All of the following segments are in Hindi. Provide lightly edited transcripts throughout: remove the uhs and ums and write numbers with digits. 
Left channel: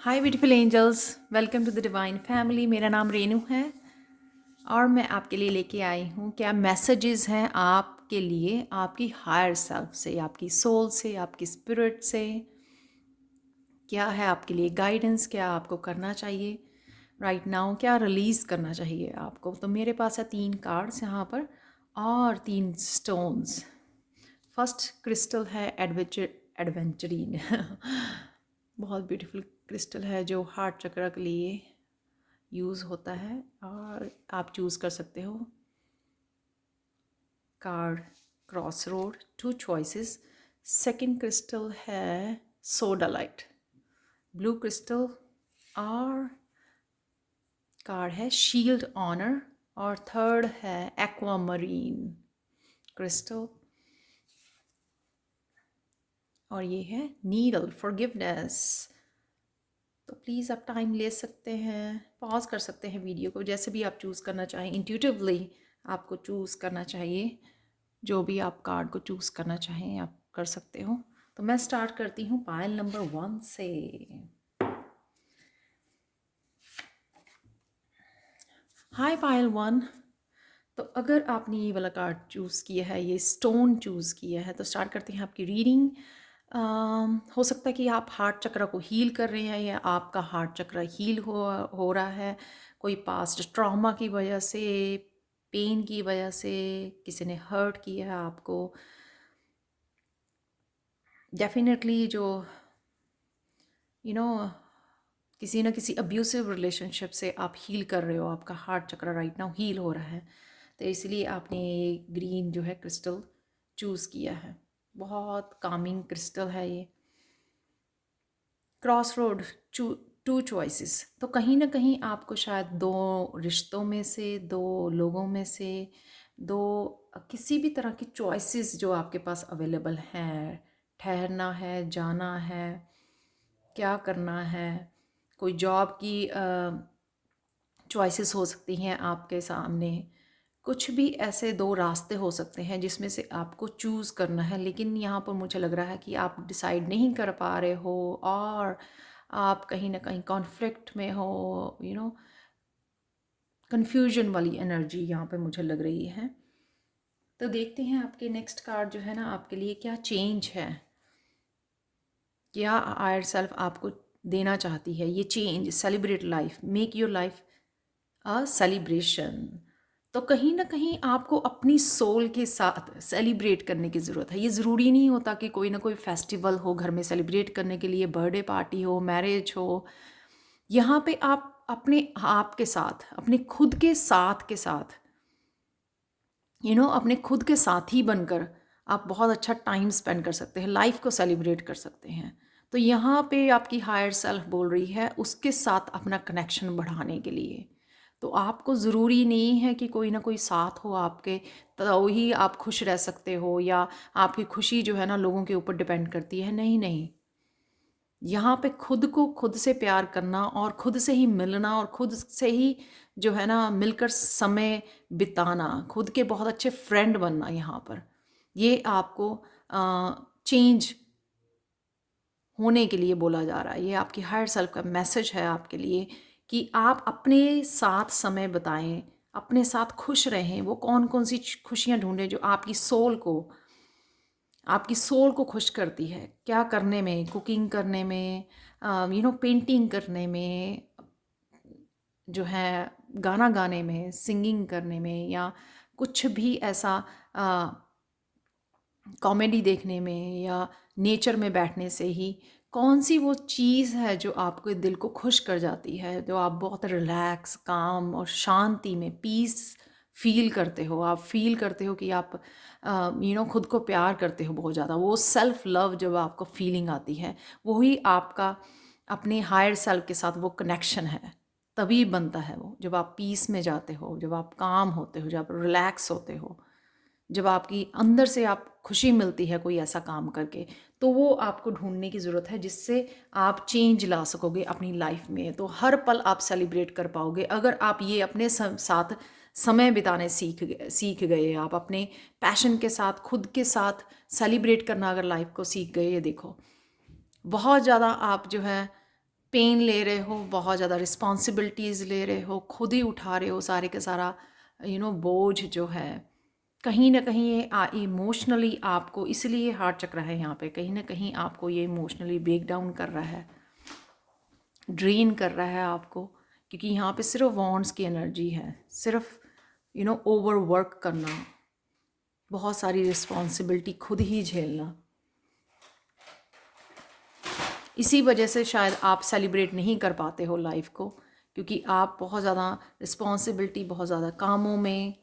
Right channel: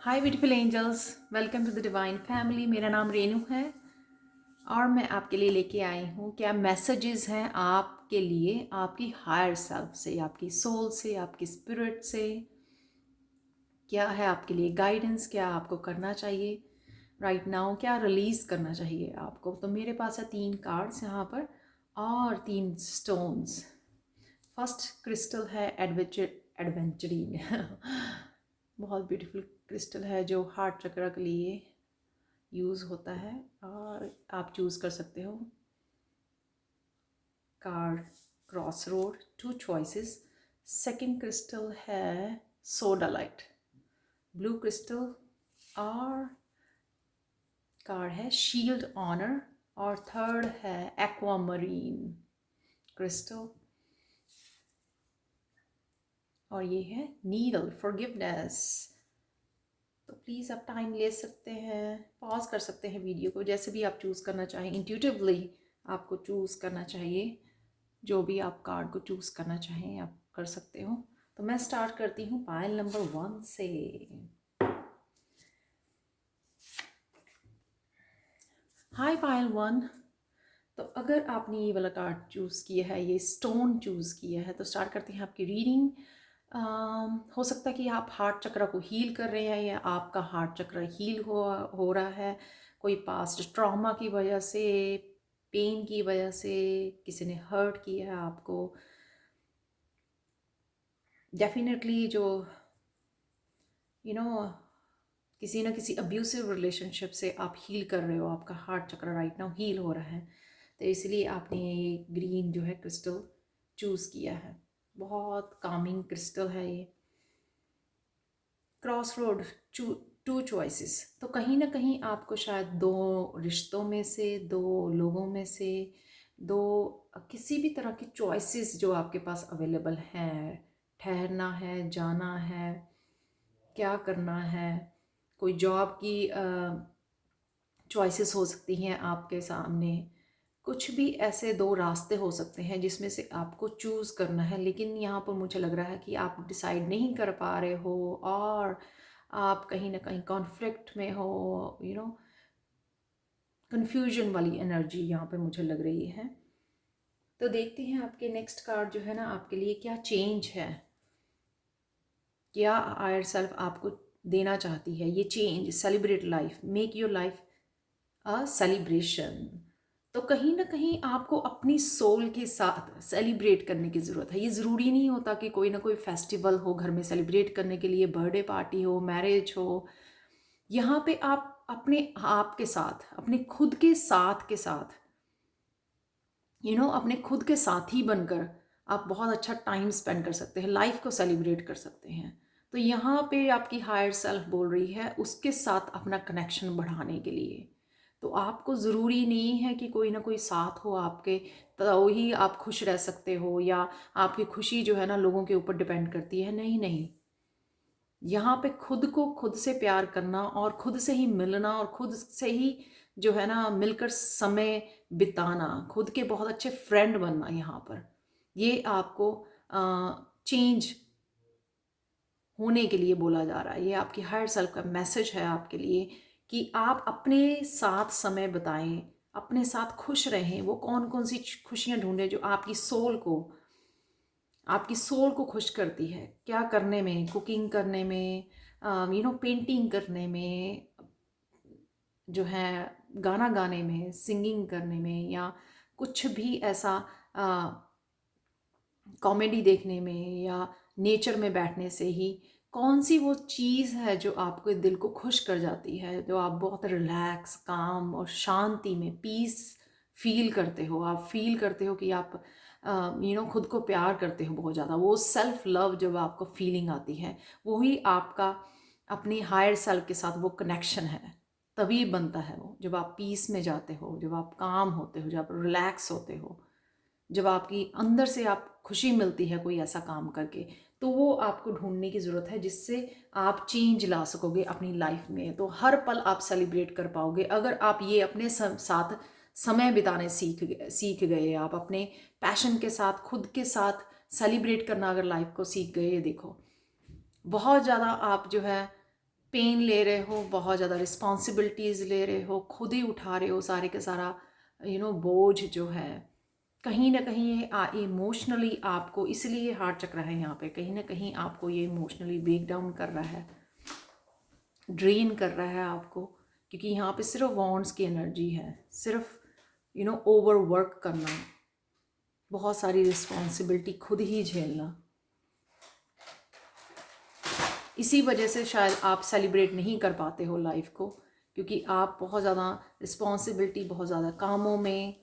Hi beautiful angels, welcome to the divine family. मेरा नाम रेनू है और मैं आपके लिए लेके आई हूँ क्या मैसेजेस हैं आपके लिए, आपकी हायर सेल्फ से, आपकी सोल से, आपकी स्पिरिट से। क्या है आपके लिए गाइडेंस, क्या आपको करना चाहिए राइट नाउ, क्या रिलीज़ करना चाहिए आपको। तो मेरे पास है 3 कार्ड्स यहाँ पर और 3 स्टोन्स। फर्स्ट क्रिस्टल है एडवेंचरीन बहुत ब्यूटीफुल क्रिस्टल है जो हार्ट चक्र के लिए यूज़ होता है और आप चूज़ कर सकते हो card cross road, 2 choices. Second crystal है सोडालाइट ब्लू क्रिस्टल और कार्ड है शील्ड ऑनर और थर्ड है एक्वामरीन क्रिस्टल और ये है नीडल फॉरगिवनेस। तो प्लीज़ आप टाइम ले सकते हैं, पॉज कर सकते हैं वीडियो को, जैसे भी आप चूज़ करना चाहें। इंट्यूटिवली आपको चूज़ करना चाहिए, जो भी आप कार्ड को चूज़ करना चाहें आप कर सकते हो। तो मैं स्टार्ट करती हूँ पायल नंबर 1 से। हाय पायल 1। तो अगर आपने ये वाला कार्ड चूज़ किया है, ये स्टोन चूज़ किया है, तो स्टार्ट करते हैं आपकी रीडिंग। हो सकता है कि आप हार्ट चक्र को हील कर रहे हैं या आपका हार्ट चक्र हील हो रहा है कोई पास्ट ट्रॉमा की वजह से, पेन की वजह से, किसी ने हर्ट किया है आपको। डेफिनेटली जो यू नो किसी ना किसी अब्यूसिव रिलेशनशिप से आप हील कर रहे हो, आपका हार्ट चक्र राइट नाउ हील हो रहा है, तो इसलिए आपने ये ग्रीन जो है क्रिस्टल चूज़ किया है। बहुत कामिंग क्रिस्टल है ये। Cross road, 2 choices. तो कहीं ना कहीं आपको शायद 2 रिश्तों में से, 2 लोगों में से, 2 किसी भी तरह की चॉइसेस जो आपके पास अवेलेबल हैं। ठहरना है, जाना है, क्या करना है, कोई जॉब की चॉइसेस हो सकती हैं आपके सामने। कुछ भी ऐसे 2 रास्ते हो सकते हैं जिसमें से आपको चूज़ करना है, लेकिन यहाँ पर मुझे लग रहा है कि आप डिसाइड नहीं कर पा रहे हो और आप कहीं ना कहीं कॉन्फ्लिक्ट में हो, कंफ्यूजन वाली एनर्जी यहाँ पे मुझे लग रही है। तो देखते हैं आपके नेक्स्ट कार्ड जो है ना, आपके लिए क्या चेंज है, क्या हायर सेल्फ आपको देना चाहती है। ये change, celebrate life, make your life a celebration. तो कहीं ना कहीं आपको अपनी सोल के साथ सेलिब्रेट करने की ज़रूरत है। ये ज़रूरी नहीं होता कि कोई ना कोई फेस्टिवल हो घर में सेलिब्रेट करने के लिए, बर्थडे पार्टी हो, मैरिज हो। यहाँ पे आप अपने आप के साथ, अपने खुद के साथ के साथ, अपने खुद के साथी बनकर आप बहुत अच्छा टाइम स्पेंड कर सकते हैं, लाइफ को सेलिब्रेट कर सकते हैं। तो यहाँ पे आपकी हायर सेल्फ बोल रही है उसके साथ अपना कनेक्शन बढ़ाने के लिए। तो आपको ज़रूरी नहीं है कि कोई ना कोई साथ हो आपके, तो ही आप खुश रह सकते हो, या आपकी खुशी जो है ना लोगों के ऊपर डिपेंड करती है। नहीं नहीं, यहाँ पे खुद को खुद से प्यार करना और खुद से ही मिलना और खुद से ही जो है ना मिलकर समय बिताना, खुद के बहुत अच्छे फ्रेंड बनना, यहाँ पर ये आपको चेंज होने के लिए बोला जा रहा है। ये आपकी हायर सेल्फ का मैसेज है आपके लिए कि आप अपने साथ समय बिताएं, अपने साथ खुश रहें। वो कौन कौन सी खुशियाँ ढूंढें जो आपकी सोल को खुश करती है। क्या करने में, कुकिंग करने में, पेंटिंग करने में, जो है गाना गाने में, सिंगिंग करने में, या कुछ भी ऐसा कॉमेडी देखने में, या नेचर में बैठने से ही कौन सी वो चीज़ है जो आपके दिल को खुश कर जाती है, जो आप बहुत रिलैक्स, काम और शांति में पीस फील करते हो। आप फील करते हो कि आप खुद को प्यार करते हो बहुत ज़्यादा। वो सेल्फ लव जब आपको फीलिंग आती है, वही आपका अपने हायर सेल्फ के साथ वो कनेक्शन है। तभी बनता है वो जब आप पीस में जाते हो, जब आप काम होते हो, जब आप रिलैक्स होते हो, जब आपकी अंदर से आप खुशी मिलती है कोई ऐसा काम करके। तो वो आपको ढूंढने की ज़रूरत है जिससे आप चेंज ला सकोगे अपनी लाइफ में। तो हर पल आप सेलिब्रेट कर पाओगे अगर आप ये अपने साथ समय बिताने सीख गए। आप अपने पैशन के साथ, खुद के साथ सेलिब्रेट करना अगर लाइफ को सीख गए। ये देखो, बहुत ज़्यादा आप जो है पेन ले रहे हो, बहुत ज़्यादा रिस्पॉन्सिबिलिटीज़ ले रहे हो, खुद ही उठा रहे हो सारे के सारा बोझ जो है। कहीं ना कहीं ये इमोशनली आपको, इसलिए हार्ट चक्र है यहाँ पे, कहीं ना कहीं आपको ये इमोशनली ब्रेक डाउन कर रहा है, ड्रेन कर रहा है आपको, क्योंकि यहाँ पे सिर्फ वॉन्ट्स की एनर्जी है, सिर्फ ओवर वर्क करना, बहुत सारी रिस्पॉन्सिबिलिटी खुद ही झेलना। इसी वजह से शायद आप सेलिब्रेट नहीं कर पाते हो लाइफ को, क्योंकि आप बहुत ज़्यादा रिस्पॉन्सिबिलिटी, बहुत ज़्यादा कामों में।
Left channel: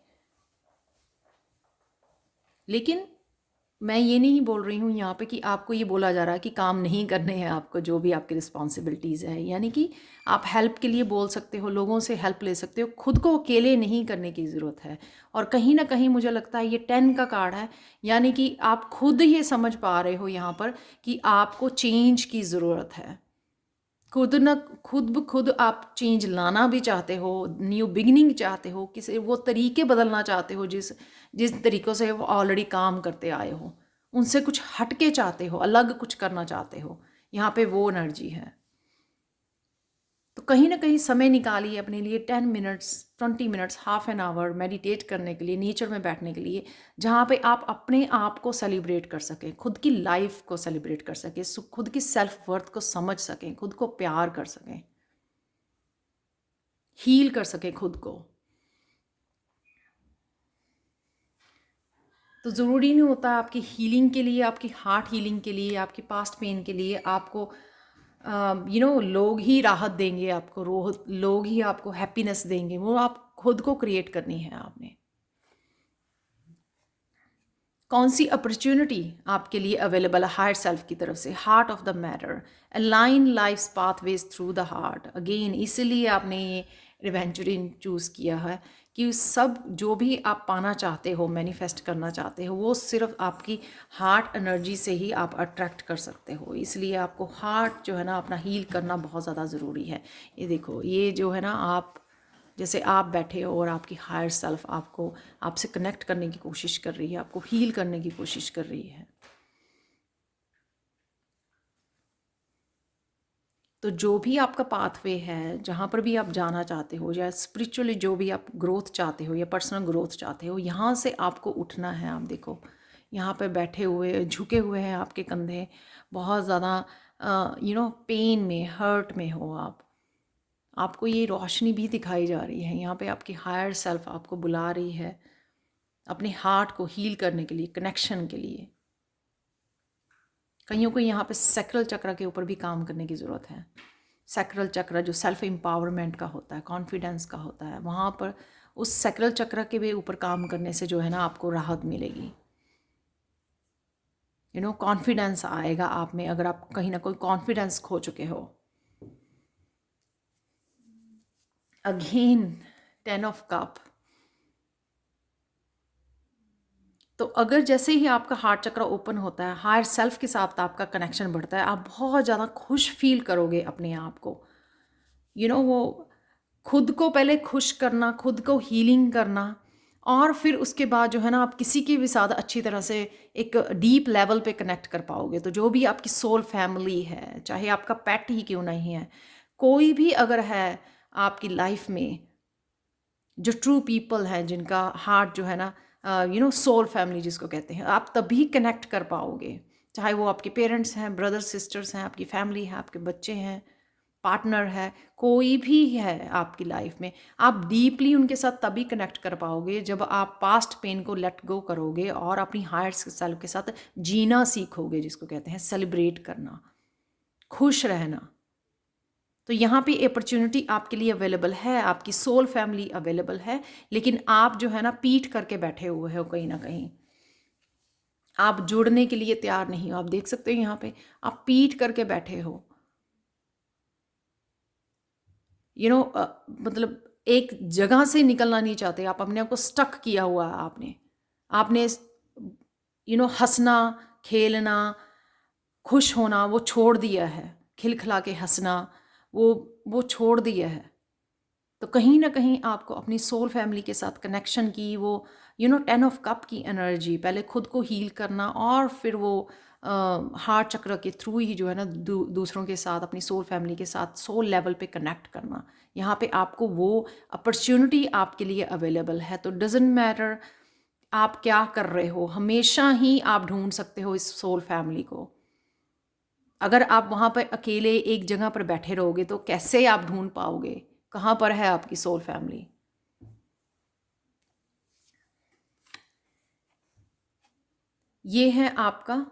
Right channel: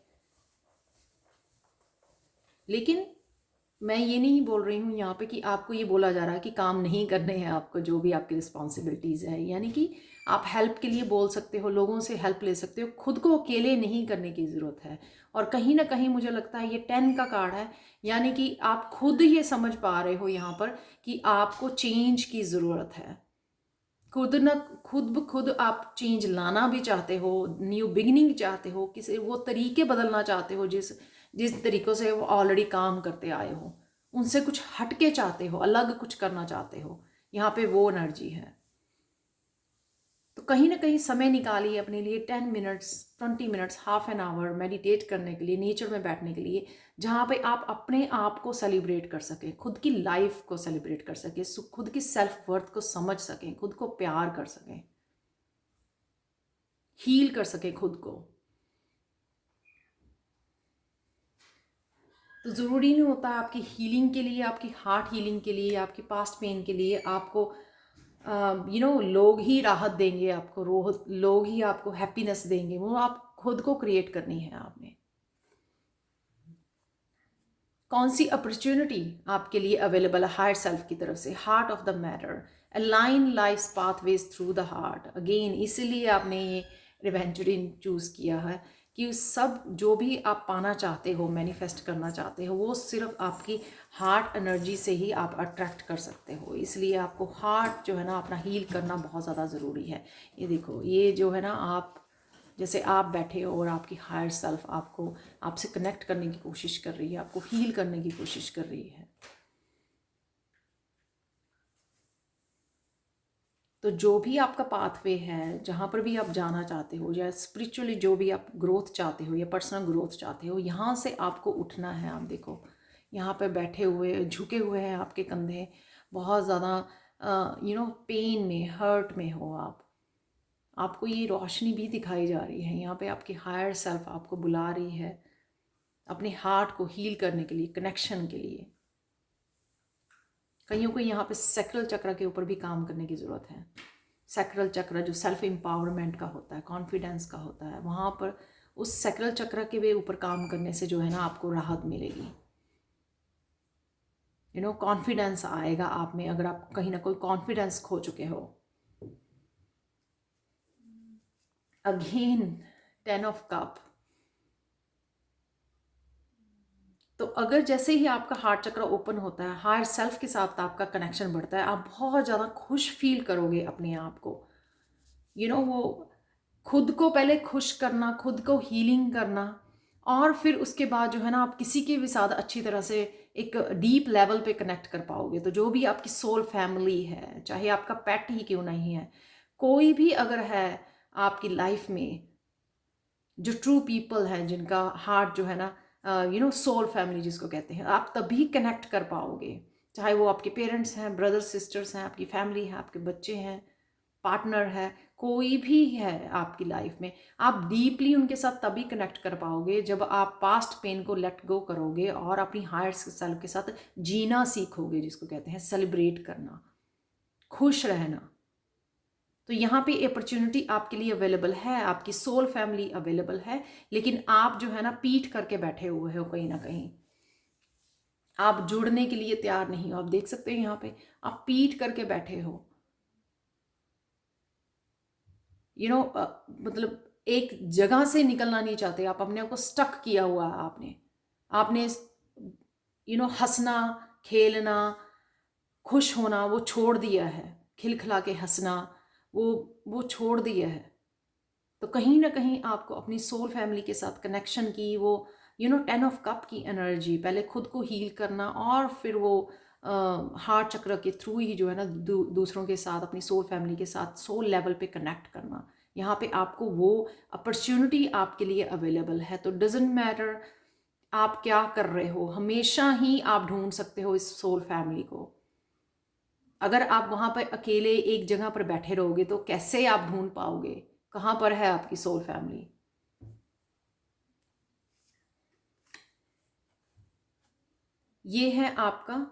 लेकिन मैं ये नहीं बोल रही हूँ यहाँ पे कि आपको ये बोला जा रहा है कि काम नहीं करने हैं आपको, जो भी आपकी रिस्पॉन्सिबिलिटीज़ है, यानी कि आप हेल्प के लिए बोल सकते हो, लोगों से हेल्प ले सकते हो, खुद को अकेले नहीं करने की ज़रूरत है। और कहीं ना कहीं मुझे लगता है ये 10 का कार्ड है, यानी कि आप खुद ये समझ पा रहे हो यहाँ पर कि आपको चेंज की ज़रूरत है। खुद न खुद ब खुद आप चेंज लाना भी चाहते हो, न्यू बिगिनिंग चाहते हो, किसी वो तरीके बदलना चाहते हो जिस जिस तरीक़ों से वो ऑलरेडी काम करते आए हो, उनसे कुछ हट के चाहते हो, अलग कुछ करना चाहते हो। यहाँ पे वो एनर्जी है। तो कहीं ना कहीं समय निकालिए अपने लिए 10 minutes, 20 minutes, half an hour meditate करने के लिए, नेचर में बैठने के लिए, जहाँ पे आप अपने आप को सेलिब्रेट कर सकें, खुद की लाइफ को सेलिब्रेट कर सकें, खुद की सेल्फ वर्थ को समझ सकें, खुद को प्यार कर सकें, हील कर सकें खुद को। तो ज़रूरी नहीं होता आपकी हीलिंग के लिए, आपकी हार्ट हीलिंग के लिए, आपकी पास्ट पेन के लिए आपको लोग ही राहत देंगे आपको, लोग ही आपको हैप्पीनेस देंगे। वो आप खुद को क्रिएट करनी है आपने। कौन सी अपॉर्चुनिटी आपके लिए अवेलेबल है हायर सेल्फ की तरफ से? Heart of the matter, align life's pathways through the heart. Again इसीलिए आपने ये एडवेंचरिंग चूज़ किया है कि सब जो भी आप पाना चाहते हो, मैनिफेस्ट करना चाहते हो, वो सिर्फ आपकी हार्ट एनर्जी से ही आप अट्रैक्ट कर सकते हो। इसलिए आपको हार्ट जो है ना अपना हील करना बहुत ज़्यादा ज़रूरी है। ये देखो, ये जो है ना, आप जैसे आप बैठे हो और आपकी हायर सेल्फ आपको, आपसे कनेक्ट करने की कोशिश कर रही है, आपको हील करने की कोशिश कर रही है। तो जो भी आपका पाथवे है, जहाँ पर भी आप जाना चाहते हो, या स्पिरिचुअली जो भी आप ग्रोथ चाहते हो या पर्सनल ग्रोथ चाहते हो, यहाँ से आपको उठना है। आप देखो, यहाँ पे बैठे हुए, झुके हुए हैं आपके कंधे, बहुत ज़्यादा पेन में, हर्ट में हो आप। आपको ये रोशनी भी दिखाई जा रही है। यहाँ पे आपकी हायर सेल्फ आपको बुला रही है अपने हार्ट को हील करने के लिए, कनेक्शन के लिए। कईयों को यहाँ पे सैक्रल चक्र के ऊपर भी काम करने की ज़रूरत है। सैक्रल चक्र जो सेल्फ एम्पावरमेंट का होता है, कॉन्फिडेंस का होता है, वहाँ पर उस सैक्रल चक्र के भी ऊपर काम करने से जो है ना आपको राहत मिलेगी। कॉन्फिडेंस आएगा आप में, अगर आप कहीं ना कोई कॉन्फिडेंस खो चुके हो। Again 10 of cup. तो अगर जैसे ही आपका हार्ट चक्र ओपन होता है, हायर सेल्फ के साथ आपका कनेक्शन बढ़ता है, आप बहुत ज़्यादा खुश फील करोगे अपने आप को। वो खुद को पहले खुश करना, खुद को हीलिंग करना, और फिर उसके बाद जो है ना आप किसी के भी साथ अच्छी तरह से एक डीप लेवल पे कनेक्ट कर पाओगे। तो जो भी आपकी सोल फैमिली है, चाहे आपका पेट ही क्यों नहीं है, कोई भी अगर है आपकी लाइफ में, जो ट्रू पीपल हैं, जिनका हार्ट जो है ना सोल फैमिली जिसको कहते हैं, आप तभी कनेक्ट कर पाओगे। चाहे वो आपके पेरेंट्स हैं, ब्रदर्स सिस्टर्स हैं, आपकी फैमिली है, आपके बच्चे हैं, पार्टनर है, कोई भी है आपकी लाइफ में, आप डीपली उनके साथ तभी कनेक्ट कर पाओगे जब आप पास्ट पेन को लेट गो करोगे और अपनी हायर सेल्फ के साथ जीना सीखोगे, जिसको कहते हैं सेलिब्रेट करना, खुश रहना। तो यहाँ पे अपॉर्चुनिटी आपके लिए अवेलेबल है, आपकी सोल फैमिली अवेलेबल है, लेकिन आप जो है ना पीठ करके बैठे हुए हो, कहीं ना कहीं आप जुड़ने के लिए तैयार नहीं हो। आप देख सकते हो यहाँ पे आप पीठ करके बैठे हो, मतलब एक जगह से निकलना नहीं चाहते आप, अपने आप को स्टक किया हुआ है आपने। आपने हंसना, खेलना, खुश होना वो छोड़ दिया है, खिलखिला के हंसना वो वो छोड़ दिया है। तो कहीं ना कहीं आपको अपनी सोल फैमिली के साथ कनेक्शन की वो 10 ऑफ कप की एनर्जी, पहले खुद को हील करना और फिर वो हार्ट चक्र के थ्रू ही जो है ना दूसरों के साथ, अपनी सोल फैमिली के साथ सोल लेवल पे कनेक्ट करना। यहाँ पे आपको वो अपॉर्चुनिटी आपके लिए अवेलेबल है। तो डजेंट मैटर आप क्या कर रहे हो, हमेशा ही आप ढूंढ सकते हो इस सोल फैमिली को। अगर आप वहाँ पर अकेले एक जगह पर बैठे रहोगे तो कैसे आप ढूंढ पाओगे कहाँ पर है आपकी सोल फैमिली। ये है आपका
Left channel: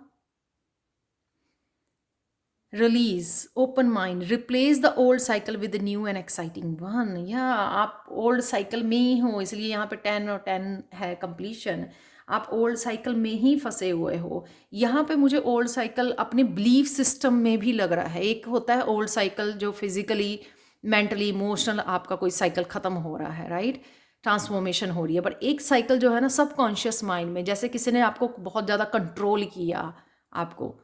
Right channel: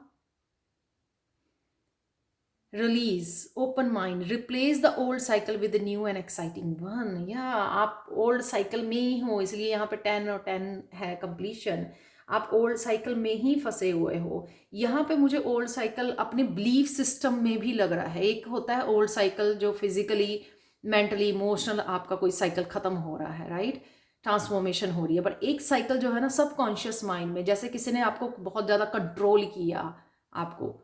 release, open mind, replace the old cycle with new and exciting one. या आप ओल्ड साइकिल में ही हो, इसलिए यहाँ पे 10 और 10 है कंप्लीशन। आप ओल्ड साइकिल में ही फंसे हुए हो। यहाँ पे मुझे ओल्ड साइकिल अपने बिलीफ सिस्टम में भी लग रहा है। एक होता है ओल्ड साइकिल जो फिजिकली, मेंटली, इमोशनल आपका कोई साइकिल खत्म हो रहा है, राइट, ट्रांसफॉर्मेशन हो रही है। पर एक साइकिल जो है ना सबकॉन्शियस माइंड में, जैसे किसी ने आपको बहुत ज़्यादा कंट्रोल किया आपको,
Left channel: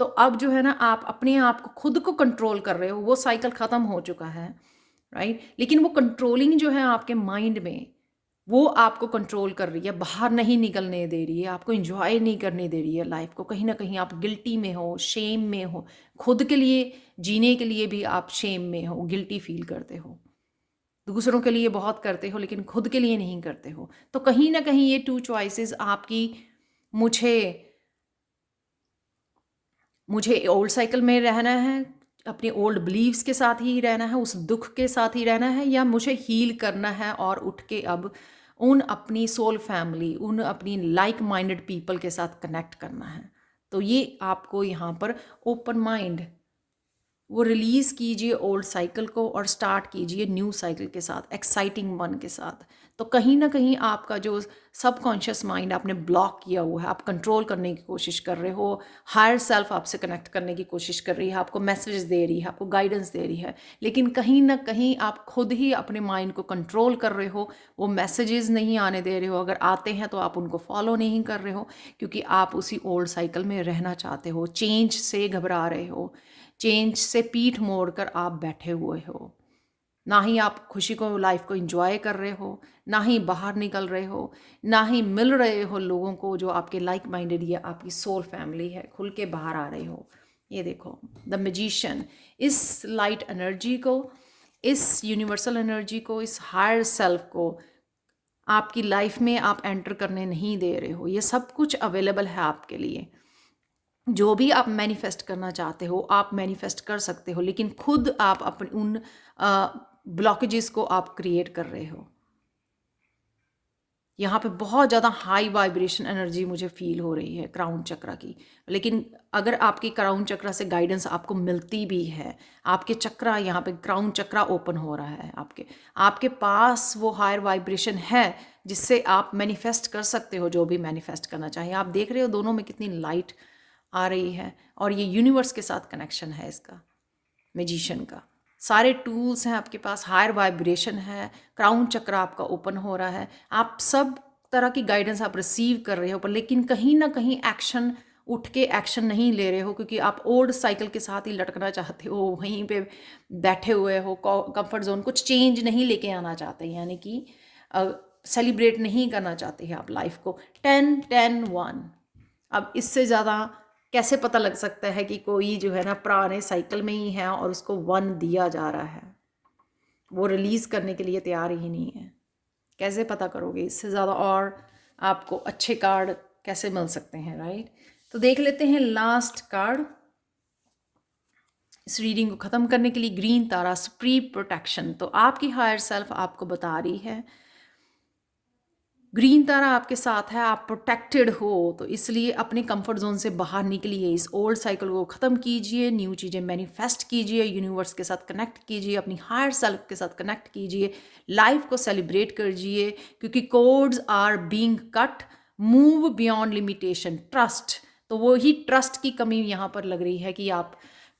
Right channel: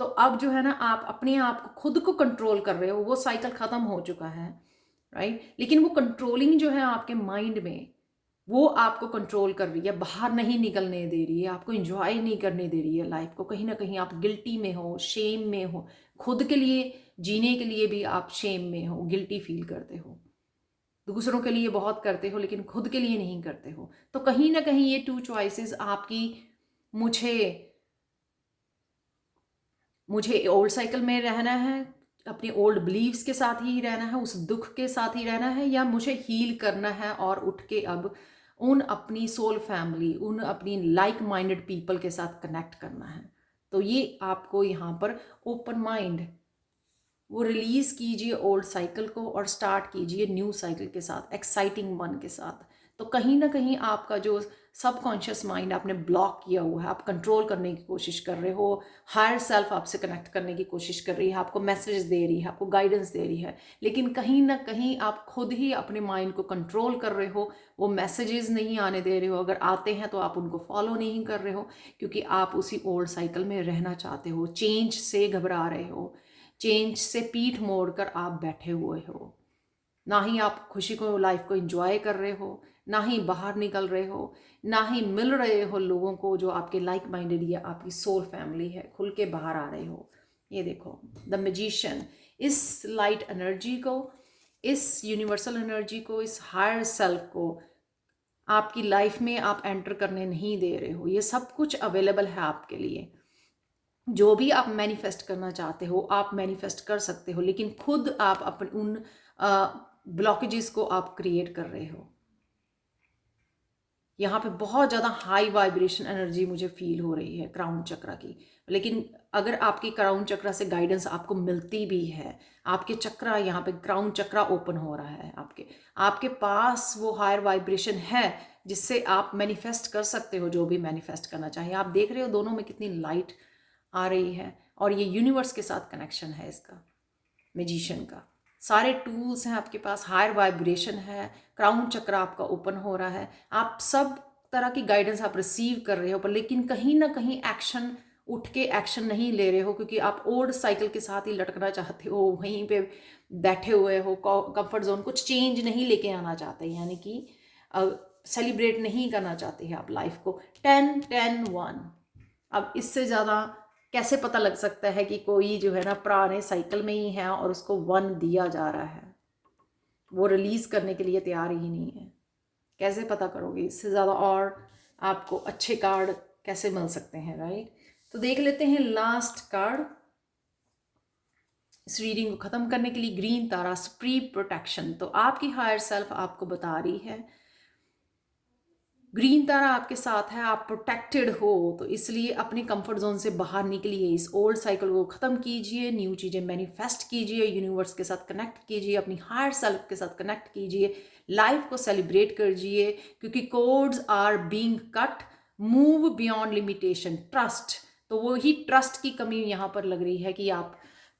तो अब जो है ना आप अपने आप को, खुद को कंट्रोल कर रहे हो, वो साइकिल ख़त्म हो चुका है, राइट। लेकिन वो कंट्रोलिंग जो है आपके माइंड में, वो आपको कंट्रोल कर रही है, बाहर नहीं निकलने दे रही है, आपको इंजॉय नहीं करने दे रही है लाइफ को। कहीं ना कहीं आप गिल्टी में हो, शेम में हो, खुद के लिए जीने के लिए भी आप शेम में हो, गिल्टी फील करते हो। दूसरों के लिए बहुत करते हो लेकिन खुद के लिए नहीं करते हो। तो कहीं ना कहीं ये 2 चॉइसेस आपकी, मुझे मुझे ओल्ड साइकिल में रहना है, अपनी ओल्ड बिलीव्स के साथ ही रहना है, उस दुख के साथ ही रहना है, या मुझे हील करना है और उठ के अब उन अपनी सोल फैमिली, उन अपनी लाइक माइंडेड पीपल के साथ कनेक्ट करना है। तो ये आपको यहाँ पर ओपन माइंड, वो रिलीज़ कीजिए ओल्ड साइकिल को और स्टार्ट कीजिए न्यू साइकिल के साथ, एक्साइटिंग वन के साथ। तो कहीं ना कहीं आपका जो सबकॉन्शियस माइंड आपने ब्लॉक किया हुआ है, आप कंट्रोल करने की कोशिश कर रहे हो, हायर सेल्फ आपसे कनेक्ट करने की कोशिश कर रही है, आपको मैसेज दे रही है, आपको गाइडेंस दे रही है, लेकिन कहीं ना कहीं आप खुद ही अपने माइंड को कंट्रोल कर रहे हो, वो मैसेजेस नहीं आने दे रहे हो। अगर आते हैं तो आप उनको फॉलो नहीं कर रहे हो, क्योंकि आप उसी ओल्ड साइकिल में रहना चाहते हो, चेंज से घबरा रहे हो, चेंज से पीठ मोड़कर आप बैठे हुए हो। ना ही आप खुशी को, लाइफ को एंजॉय कर रहे हो, ना ही बाहर निकल रहे हो, ना ही मिल रहे हो लोगों को जो आपके लाइक माइंडेड या आपकी सोल फैमिली है, खुल के बाहर आ रहे हो। ये देखो द मैजिशियन, इस लाइट एनर्जी को, इस यूनिवर्सल एनर्जी को, इस हायर सेल्फ को आपकी लाइफ में आप एंटर करने नहीं दे रहे हो। ये सब कुछ अवेलेबल है आपके लिए। जो भी आप मैनिफेस्ट करना चाहते हो आप मैनिफेस्ट कर सकते हो, लेकिन खुद आप अपने उन ब्लॉकेजेस को आप क्रिएट कर रहे हो। यहाँ पे बहुत ज़्यादा हाई वाइब्रेशन एनर्जी मुझे फील हो रही है क्राउन चक्र की। लेकिन अगर आपकी क्राउन चक्र से गाइडेंस आपको मिलती भी है, आपके चक्र, यहाँ पे क्राउन चक्र ओपन हो रहा है, आपके आपके पास वो हायर वाइब्रेशन है जिससे आप मैनिफेस्ट कर सकते हो जो भी मैनिफेस्ट करना चाहिए। आप देख रहे हो दोनों में कितनी लाइट आ रही है, और ये यूनिवर्स के साथ कनेक्शन है इसका, मैजिशियन का। सारे टूल्स हैं आपके पास, हायर वाइब्रेशन है, क्राउन चक्र आपका ओपन हो रहा है, आप सब तरह की गाइडेंस आप रिसीव कर रहे हो, पर लेकिन कहीं ना कहीं एक्शन, उठ के एक्शन नहीं ले रहे हो, क्योंकि आप ओल्ड साइकिल के साथ ही लटकना चाहते हो, वहीं पे बैठे हुए हो, कंफर्ट जोन, कुछ चेंज नहीं लेके आना चाहते, यानी कि सेलिब्रेट नहीं करना चाहते हैं आप लाइफ को। 10-10-1, अब इससे ज़्यादा कैसे पता लग सकता है कि कोई जो है ना पुराने साइकिल में ही है और उसको 1 दिया जा रहा है, वो रिलीज़ करने के लिए तैयार ही नहीं है। कैसे पता करोगे इससे ज़्यादा, और आपको अच्छे कार्ड कैसे मिल सकते हैं, राइट। तो देख लेते हैं लास्ट कार्ड इस रीडिंग को ख़त्म करने के लिए, ग्रीन तारा, सुप्रीम प्रोटेक्शन। तो आपकी हायर सेल्फ आपको बता रही है, ग्रीन तारा आपके साथ है, आप प्रोटेक्टेड हो, तो इसलिए अपने कंफर्ट जोन से बाहर निकलिए, इस ओल्ड साइकिल को ख़त्म कीजिए, न्यू चीज़ें मैनिफेस्ट कीजिए, यूनिवर्स के साथ कनेक्ट कीजिए, अपनी हायर सेल्फ के साथ कनेक्ट कीजिए, लाइफ को सेलिब्रेट कीजिए, क्योंकि codes are being cut, move beyond limitation, trust. तो वो ही ट्रस्ट की कमी यहाँ पर लग रही है कि आप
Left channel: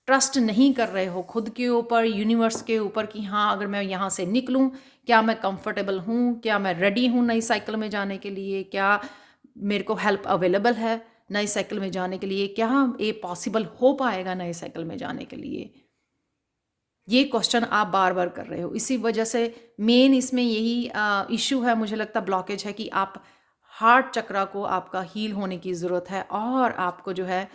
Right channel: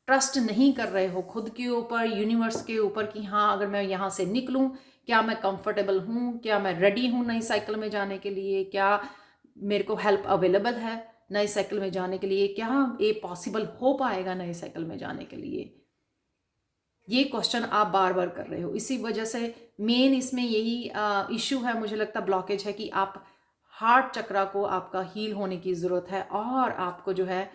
ट्रस्ट नहीं कर रहे हो खुद के ऊपर, यूनिवर्स के ऊपर, कि हाँ अगर मैं यहाँ से निकलूँ, क्या मैं कंफर्टेबल हूँ, क्या मैं रेडी हूँ नई साइकिल में जाने के लिए, क्या मेरे को हेल्प अवेलेबल है नई साइकिल में जाने के लिए, क्या ये पॉसिबल हो पाएगा नई साइकिल में जाने के लिए। ये क्वेश्चन आप बार बार कर रहे हो, इसी वजह से मेन इसमें यही इशू है, मुझे लगता ब्लॉकेज है कि आप हार्ट चक्रा को आपका हील होने की ज़रूरत है, और आपको जो है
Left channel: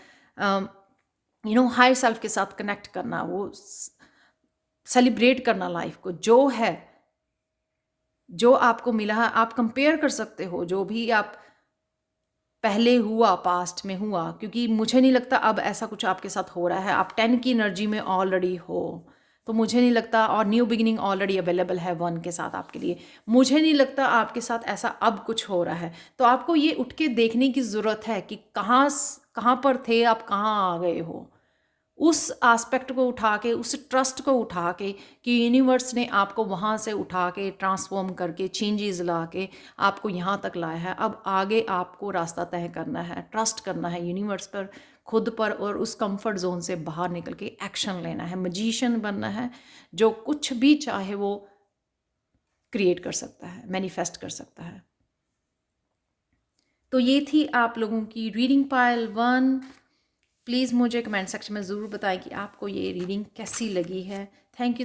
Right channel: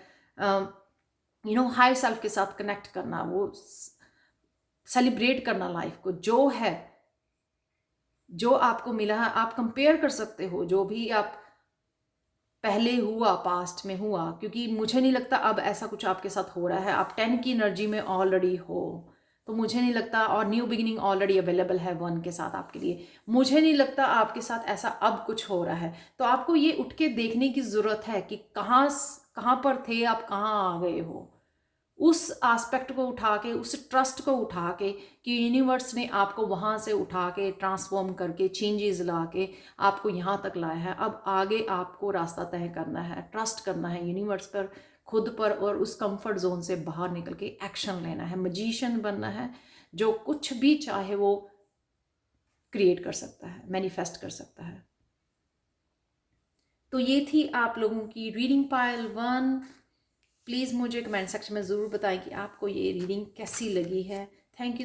हाई सेल्फ के साथ कनेक्ट करना, वो सेलिब्रेट करना लाइफ को, जो है, जो आपको मिला है। आप कंपेयर कर सकते हो जो भी आप पहले हुआ, पास्ट में हुआ, क्योंकि मुझे नहीं लगता अब ऐसा कुछ आपके साथ हो रहा है। आप 10 की एनर्जी में ऑलरेडी हो, तो मुझे नहीं लगता, और न्यू बिगिनिंग ऑलरेडी अवेलेबल है 1 के साथ आपके लिए। मुझे नहीं लगता आपके साथ ऐसा अब कुछ हो रहा है। तो आपको ये उठ के देखने की ज़रूरत है कि कहाँ पर थे आप, कहाँ आ गए हो। उस एस्पेक्ट को उठा के, उस ट्रस्ट को उठा के कि यूनिवर्स ने आपको वहाँ से उठा के ट्रांसफॉर्म करके चेंजेस ला के आपको यहाँ तक लाया है। अब आगे आपको रास्ता तय करना है, ट्रस्ट करना है यूनिवर्स पर, खुद पर, और उस कंफर्ट जोन से बाहर निकल के एक्शन लेना है, मैजिशियन बनना है, जो कुछ भी चाहे वो क्रिएट कर सकता है, मैनिफेस्ट कर सकता है। तो ये थी आप लोगों की रीडिंग पाइल 1। प्लीज़ मुझे कमेंट सेक्शन में ज़रूर बताएं कि आपको ये रीडिंग कैसी लगी है। Thank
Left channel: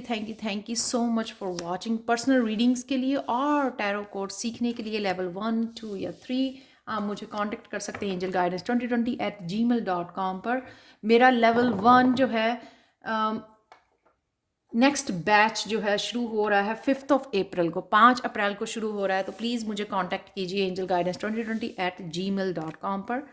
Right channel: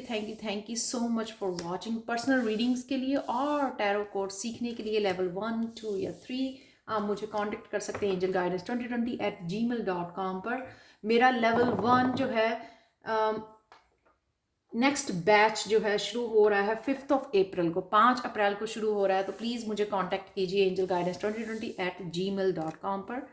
you so much for watching. Personal readings के लिए और टैरो कोड सीखने के लिए लेवल 1, 2 या 3 आप मुझे कांटेक्ट कर सकते हैं angelguidance2020@gmail.com पर। मेरा लेवल 1 जो है नेक्स्ट बैच जो है शुरू हो रहा है 5 अप्रैल को, 5 अप्रैल को शुरू हो रहा है। तो प्लीज़ मुझे कांटेक्ट कीजिए angelguidance2020@gmail.com पर,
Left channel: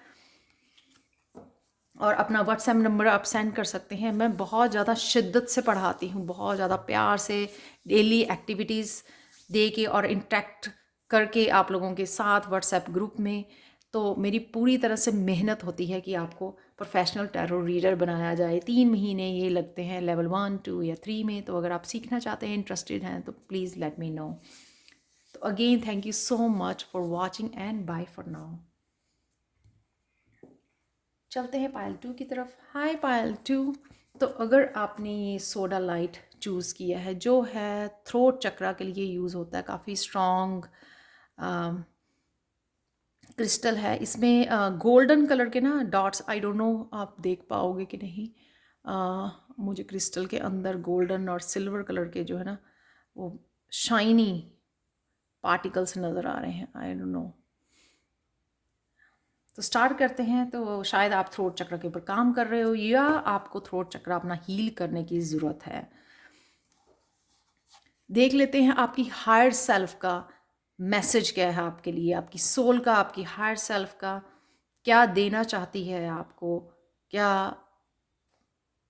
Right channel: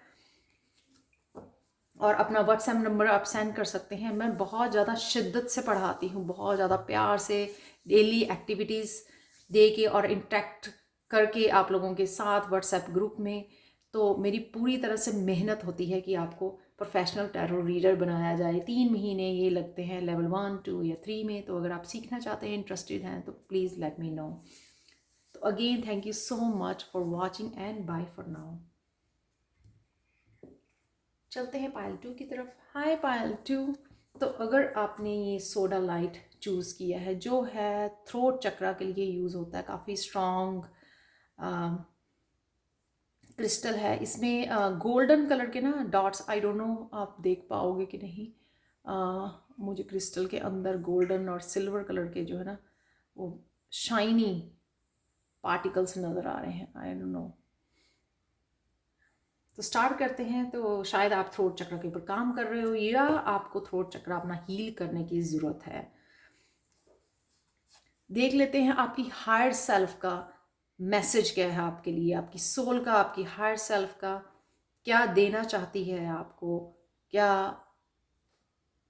और अपना व्हाट्सएप नंबर आप सेंड कर सकते हैं। मैं बहुत ज़्यादा शिद्दत से पढ़ाती हूँ, बहुत ज़्यादा प्यार से, डेली एक्टिविटीज़ दे के और इंटरेक्ट करके आप लोगों के साथ व्हाट्सएप ग्रुप में। तो मेरी पूरी तरह से मेहनत होती है कि आपको प्रोफेशनल टैरो रीडर बनाया जाए। 3 महीने ये लगते हैं लेवल 1, 2 या 3 में। तो अगर आप सीखना चाहते हैं, इंटरेस्टेड हैं, तो प्लीज़ लेट मी नो। तो again thank you so much for watching and bye for now. चलते हैं पायल 2 की तरफ। हाय पायल 2। तो अगर आपने ये सोडा लाइट चूज़ किया है, जो है थ्रोट चक्रा के लिए यूज़ होता है, काफ़ी स्ट्रॉन्ग क्रिस्टल है। इसमें गोल्डन कलर के ना डॉट्स, आई डोंट नो आप देख पाओगे कि नहीं। मुझे क्रिस्टल के अंदर गोल्डन और सिल्वर कलर के जो है ना, वो शाइनी पार्टिकल्स नज़र आ रहे हैं। I don't know. तो स्टार्ट करते हैं। तो शायद आप थ्रोट चक्र के ऊपर काम कर रहे हो, या आपको थ्रोट चक्र अपना हील करने की ज़रूरत है। देख लेते हैं आपकी हायर सेल्फ का मैसेज क्या है आपके लिए, आपकी सोल का, आपकी हायर सेल्फ का क्या देना चाहती है आपको, क्या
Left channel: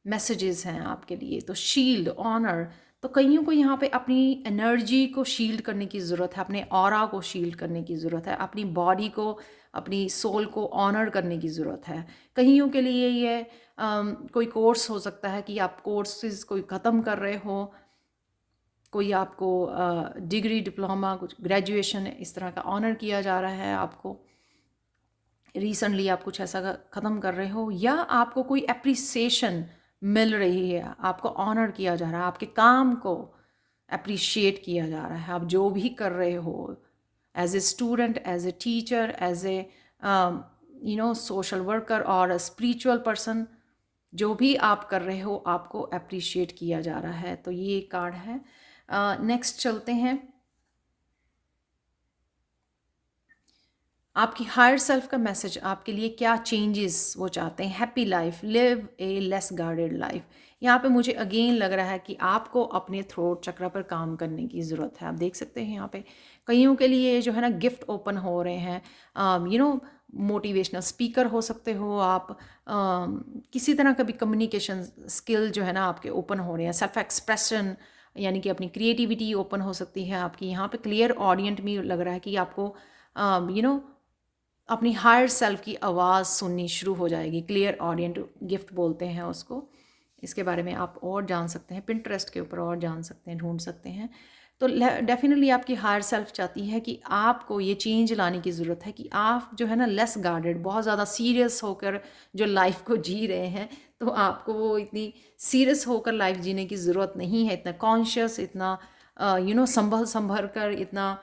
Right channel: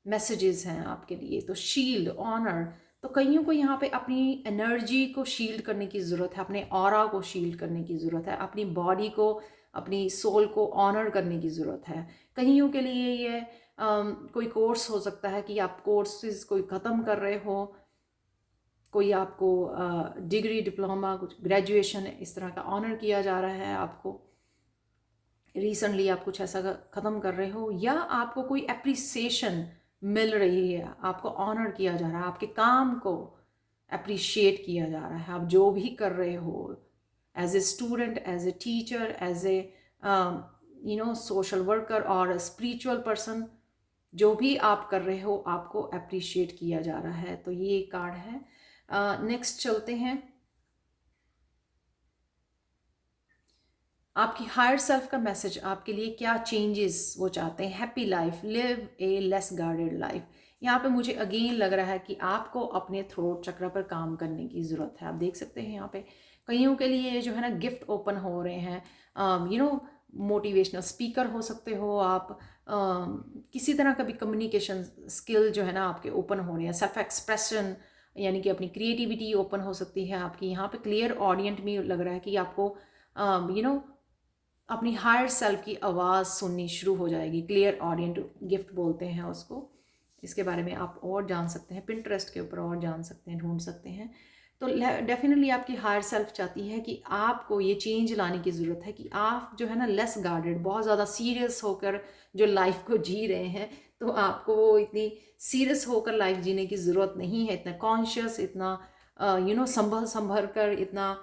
मैसेजेस हैं आपके लिए। तो शील्ड, ऑनर। तो कईयों को यहाँ पे अपनी एनर्जी को शील्ड करने की ज़रूरत है, अपने ऑरा को शील्ड करने की ज़रूरत है, अपनी बॉडी को, अपनी सोल को ऑनर करने की ज़रूरत है। कईयों के लिए ये कोई कोर्स हो सकता है कि आप कोर्सेज कोई ख़त्म कर रहे हो, कोई आपको डिग्री, डिप्लोमा, कुछ ग्रेजुएशन इस तरह का ऑनर किया जा रहा है आपको। रिसेंटली आप कुछ ऐसा ख़त्म कर रहे हो, या आपको कोई अप्रिसिएशन मिल रही है, आपको ऑनर किया जा रहा है, आपके काम को अप्रिशिएट किया जा रहा है। आप जो भी कर रहे हो, as a student, as a teacher, as a social worker और स्पिरिचुअल पर्सन, जो भी आप कर रहे हो, आपको अप्रिशिएट किया जा रहा है। तो ये कार्ड है। नेक्स्ट चलते हैं। आपकी हायर सेल्फ का मैसेज आपके लिए क्या चेंजेस वो चाहते हैं। हैप्पी लाइफ, लिव ए लेस गार्डेड लाइफ। यहाँ पे मुझे अगेन लग रहा है कि आपको अपने थ्रोट चक्र पर काम करने की ज़रूरत है। आप देख सकते हैं यहाँ पे कईयों के लिए जो है ना गिफ्ट ओपन हो रहे हैं। मोटिवेशनल स्पीकर हो सकते हो आप। किसी तरह का भी कम्युनिकेशन स्किल जो है ना आपके ओपन हो रहे हैं। सेल्फ एक्सप्रेशन, यानी कि अपनी क्रिएटिविटी ओपन हो सकती है आपकी। यहाँ पे क्लियर ऑडियंट में लग रहा है कि आपको अपनी हायर सेल्फ की आवाज़ सुननी शुरू हो जाएगी। क्लियर ऑडियंट गिफ्ट बोलते हैं उसको। इसके बारे में आप और जान सकते हैं, पिंटरेस्ट के ऊपर और जान सकते हैं, ढूंढ सकते हैं। तो डेफिनेटली आपकी हायर सेल्फ चाहती है कि आपको ये चेंज लाने की ज़रूरत है कि आप जो है ना लेस गार्डेड, बहुत ज़्यादा सीरियस होकर जो लाइफ को जी रहे हैं, तो आपको वो इतनी सीरियस होकर लाइफ जीने की ज़रूरत नहीं है। इतना कॉन्शियस, इतना संभल कर, इतना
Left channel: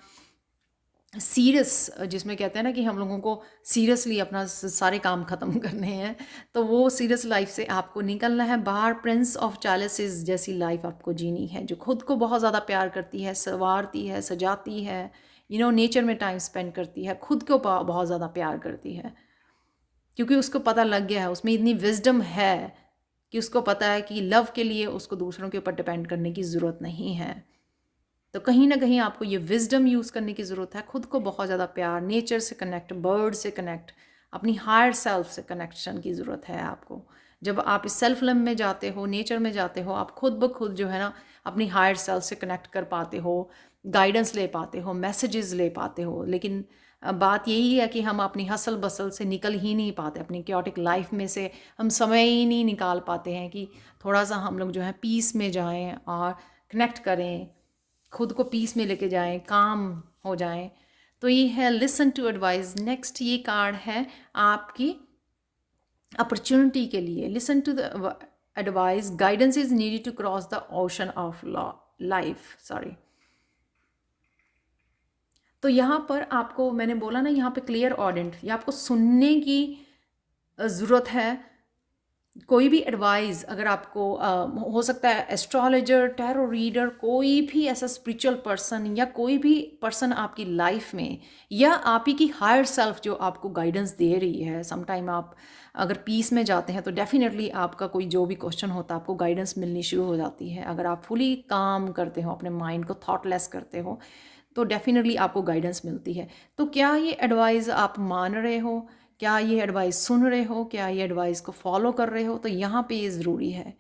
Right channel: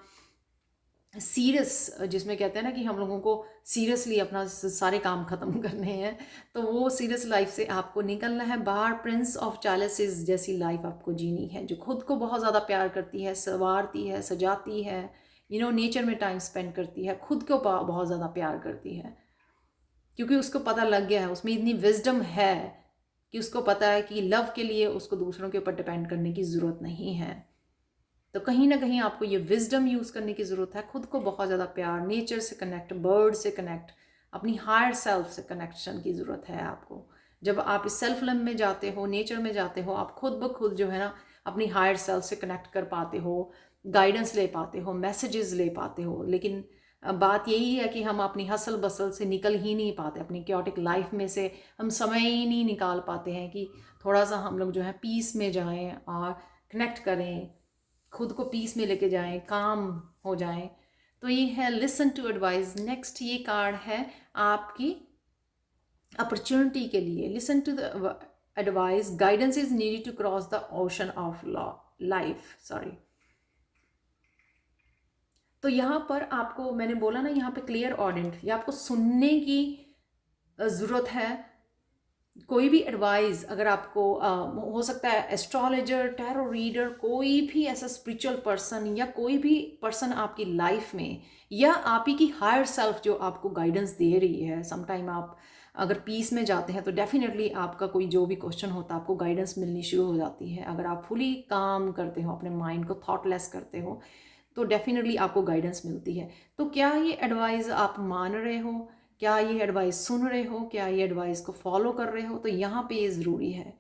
सीरियस, जिसमें कहते हैं ना कि हम लोगों को सीरियसली अपना सारे काम ख़त्म करने हैं। तो वो सीरियस लाइफ से आपको निकलना है बाहर। प्रिंस ऑफ चैलेसेस जैसी लाइफ आपको जीनी है, जो खुद को बहुत ज़्यादा प्यार करती है, संवारती है, सजाती है, नेचर में टाइम स्पेंड करती है, खुद को बहुत ज़्यादा प्यार करती है, क्योंकि उसको पता लग गया है, उसमें इतनी विजडम है कि उसको पता है कि लव के लिए उसको दूसरों के ऊपर डिपेंड करने की ज़रूरत नहीं है। तो कहीं ना कहीं आपको ये विजडम यूज़ करने की ज़रूरत है, खुद को बहुत ज़्यादा प्यार, नेचर से कनेक्ट, बर्ड से कनेक्ट, अपनी हायर सेल्फ से कनेक्शन की ज़रूरत है आपको। जब आप इस सेल्फ लव में जाते हो, नेचर में जाते हो, आप खुद ब खुद जो है ना अपनी हायर सेल्फ से कनेक्ट कर पाते हो, गाइडेंस ले पाते हो, मैसेजेस ले पाते हो। लेकिन बात यही है कि हम अपनी हसल बसल से निकल ही नहीं पाते, अपनी क्योटिक लाइफ में से हम समय ही नहीं निकाल पाते हैं कि थोड़ा सा हम लोग जो है पीस में जाएं और कनेक्ट करें, खुद को पीस में लेके जाएं, काम हो जाएं। तो ये है लिसन टू एडवाइस। नेक्स्ट ये कार्ड है आपकी अपॉर्चुनिटी के लिए। Listen to the advice, guidance is needed to cross the ocean of life, sorry. तो यहाँ पर आपको मैंने बोला ना, यहाँ पे क्लियर ऑडियंट, ये आपको सुनने की ज़रूरत है। कोई भी एडवाइस अगर आपको हो सकता है एस्ट्रोलॉजर, टैरो रीडर, कोई भी ऐसा स्पिरिचुअल पर्सन या कोई भी पर्सन आपकी लाइफ में, या आप ही की हायर सेल्फ जो आपको गाइडेंस दे रही है। समटाइम आप अगर पीस में जाते हैं तो डेफिनेटली आपका कोई जो भी क्वेश्चन होता है आपको गाइडेंस मिलनी शुरू हो जाती है। अगर आप फुली काम करते हो, अपने माइंड को थॉटलेस करते हो, तो डेफिनेटली आपको गाइडेंस मिलती है। तो क्या ये एडवाइस आप मान रहे हो? क्या ये एडवाइस सुन रहे हो? क्या ये एडवाइस को फॉलो कर रहे हो? तो यहाँ पे ये ज़रूरी है।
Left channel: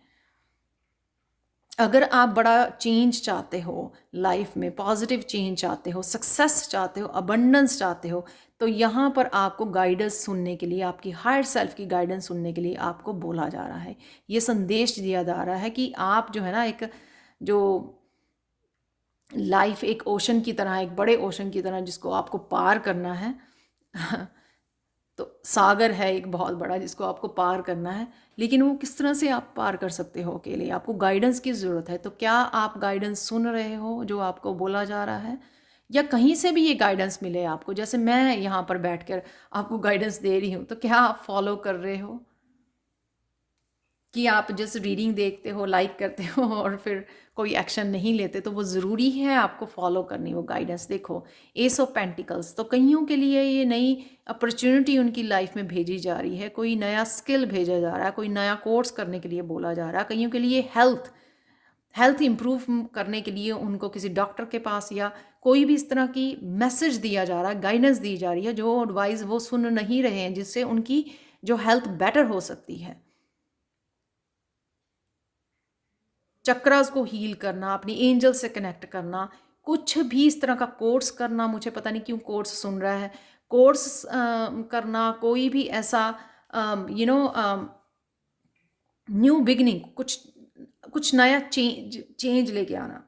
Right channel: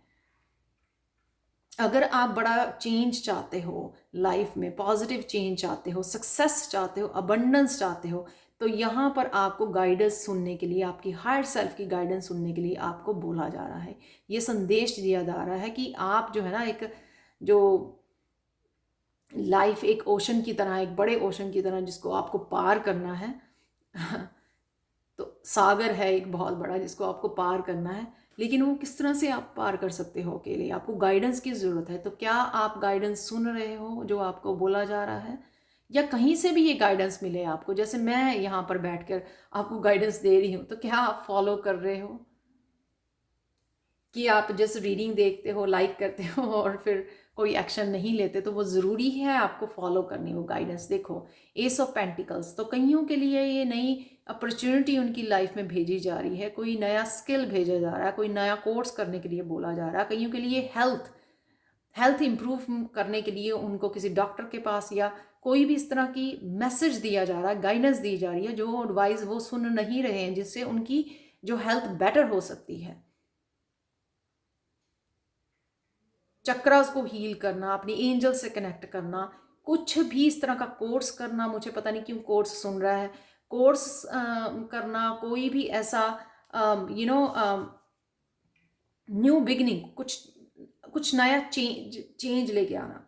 अगर आप बड़ा चेंज चाहते हो लाइफ में, पॉजिटिव चेंज चाहते हो, सक्सेस चाहते हो, अबंडेंस चाहते हो, तो यहाँ पर आपको गाइडेंस सुनने के लिए, आपकी हायर सेल्फ की गाइडेंस सुनने के लिए आपको बोला जा रहा है, ये संदेश दिया जा रहा है कि आप जो है ना, एक जो लाइफ एक ओशन की तरह, एक बड़े ओशन की तरह जिसको आपको पार करना है तो सागर है एक बहुत बड़ा जिसको आपको पार करना है, लेकिन वो किस तरह से आप पार कर सकते हो अकेले? आपको गाइडेंस की ज़रूरत है। तो क्या आप गाइडेंस सुन रहे हो जो आपको बोला जा रहा है, या कहीं से भी ये गाइडेंस मिले आपको, जैसे मैं यहाँ पर बैठकर आपको गाइडेंस दे रही हूँ, तो क्या आप फॉलो कर रहे हो? कि आप जस्ट रीडिंग देखते हो, लाइक करते हो और फिर कोई एक्शन नहीं लेते? तो वो ज़रूरी है आपको फॉलो करनी वो गाइडेंस। देखो, एस ऑफ पेंटिकल्स, तो कईयों के लिए ये नई अपॉर्चुनिटी उनकी लाइफ में भेजी जा रही है, कोई नया स्किल भेजा जा रहा है, कोई नया कोर्स करने के लिए बोला जा रहा है। कईयों के लिए हेल्थ हेल्थ इम्प्रूव करने के लिए उनको किसी डॉक्टर के पास या कोई भी इस तरह की मैसेज दिया जा रहा है, गाइडेंस दी जा रही है, जो एडवाइस वो सुन नहीं रहे हैं, जिससे उनकी जो हेल्थ बेटर हो सकती है। चक्रास को हील करना, अपनी एंजल से कनेक्ट करना, कुछ भी इस तरह का कोर्स करना, मुझे पता नहीं क्यों कोर्स सुन रहा है, कोर्स करना, कोई भी ऐसा यू नो न्यू बिगनिंग, कुछ कुछ नया चेंज चेंज लेके आना,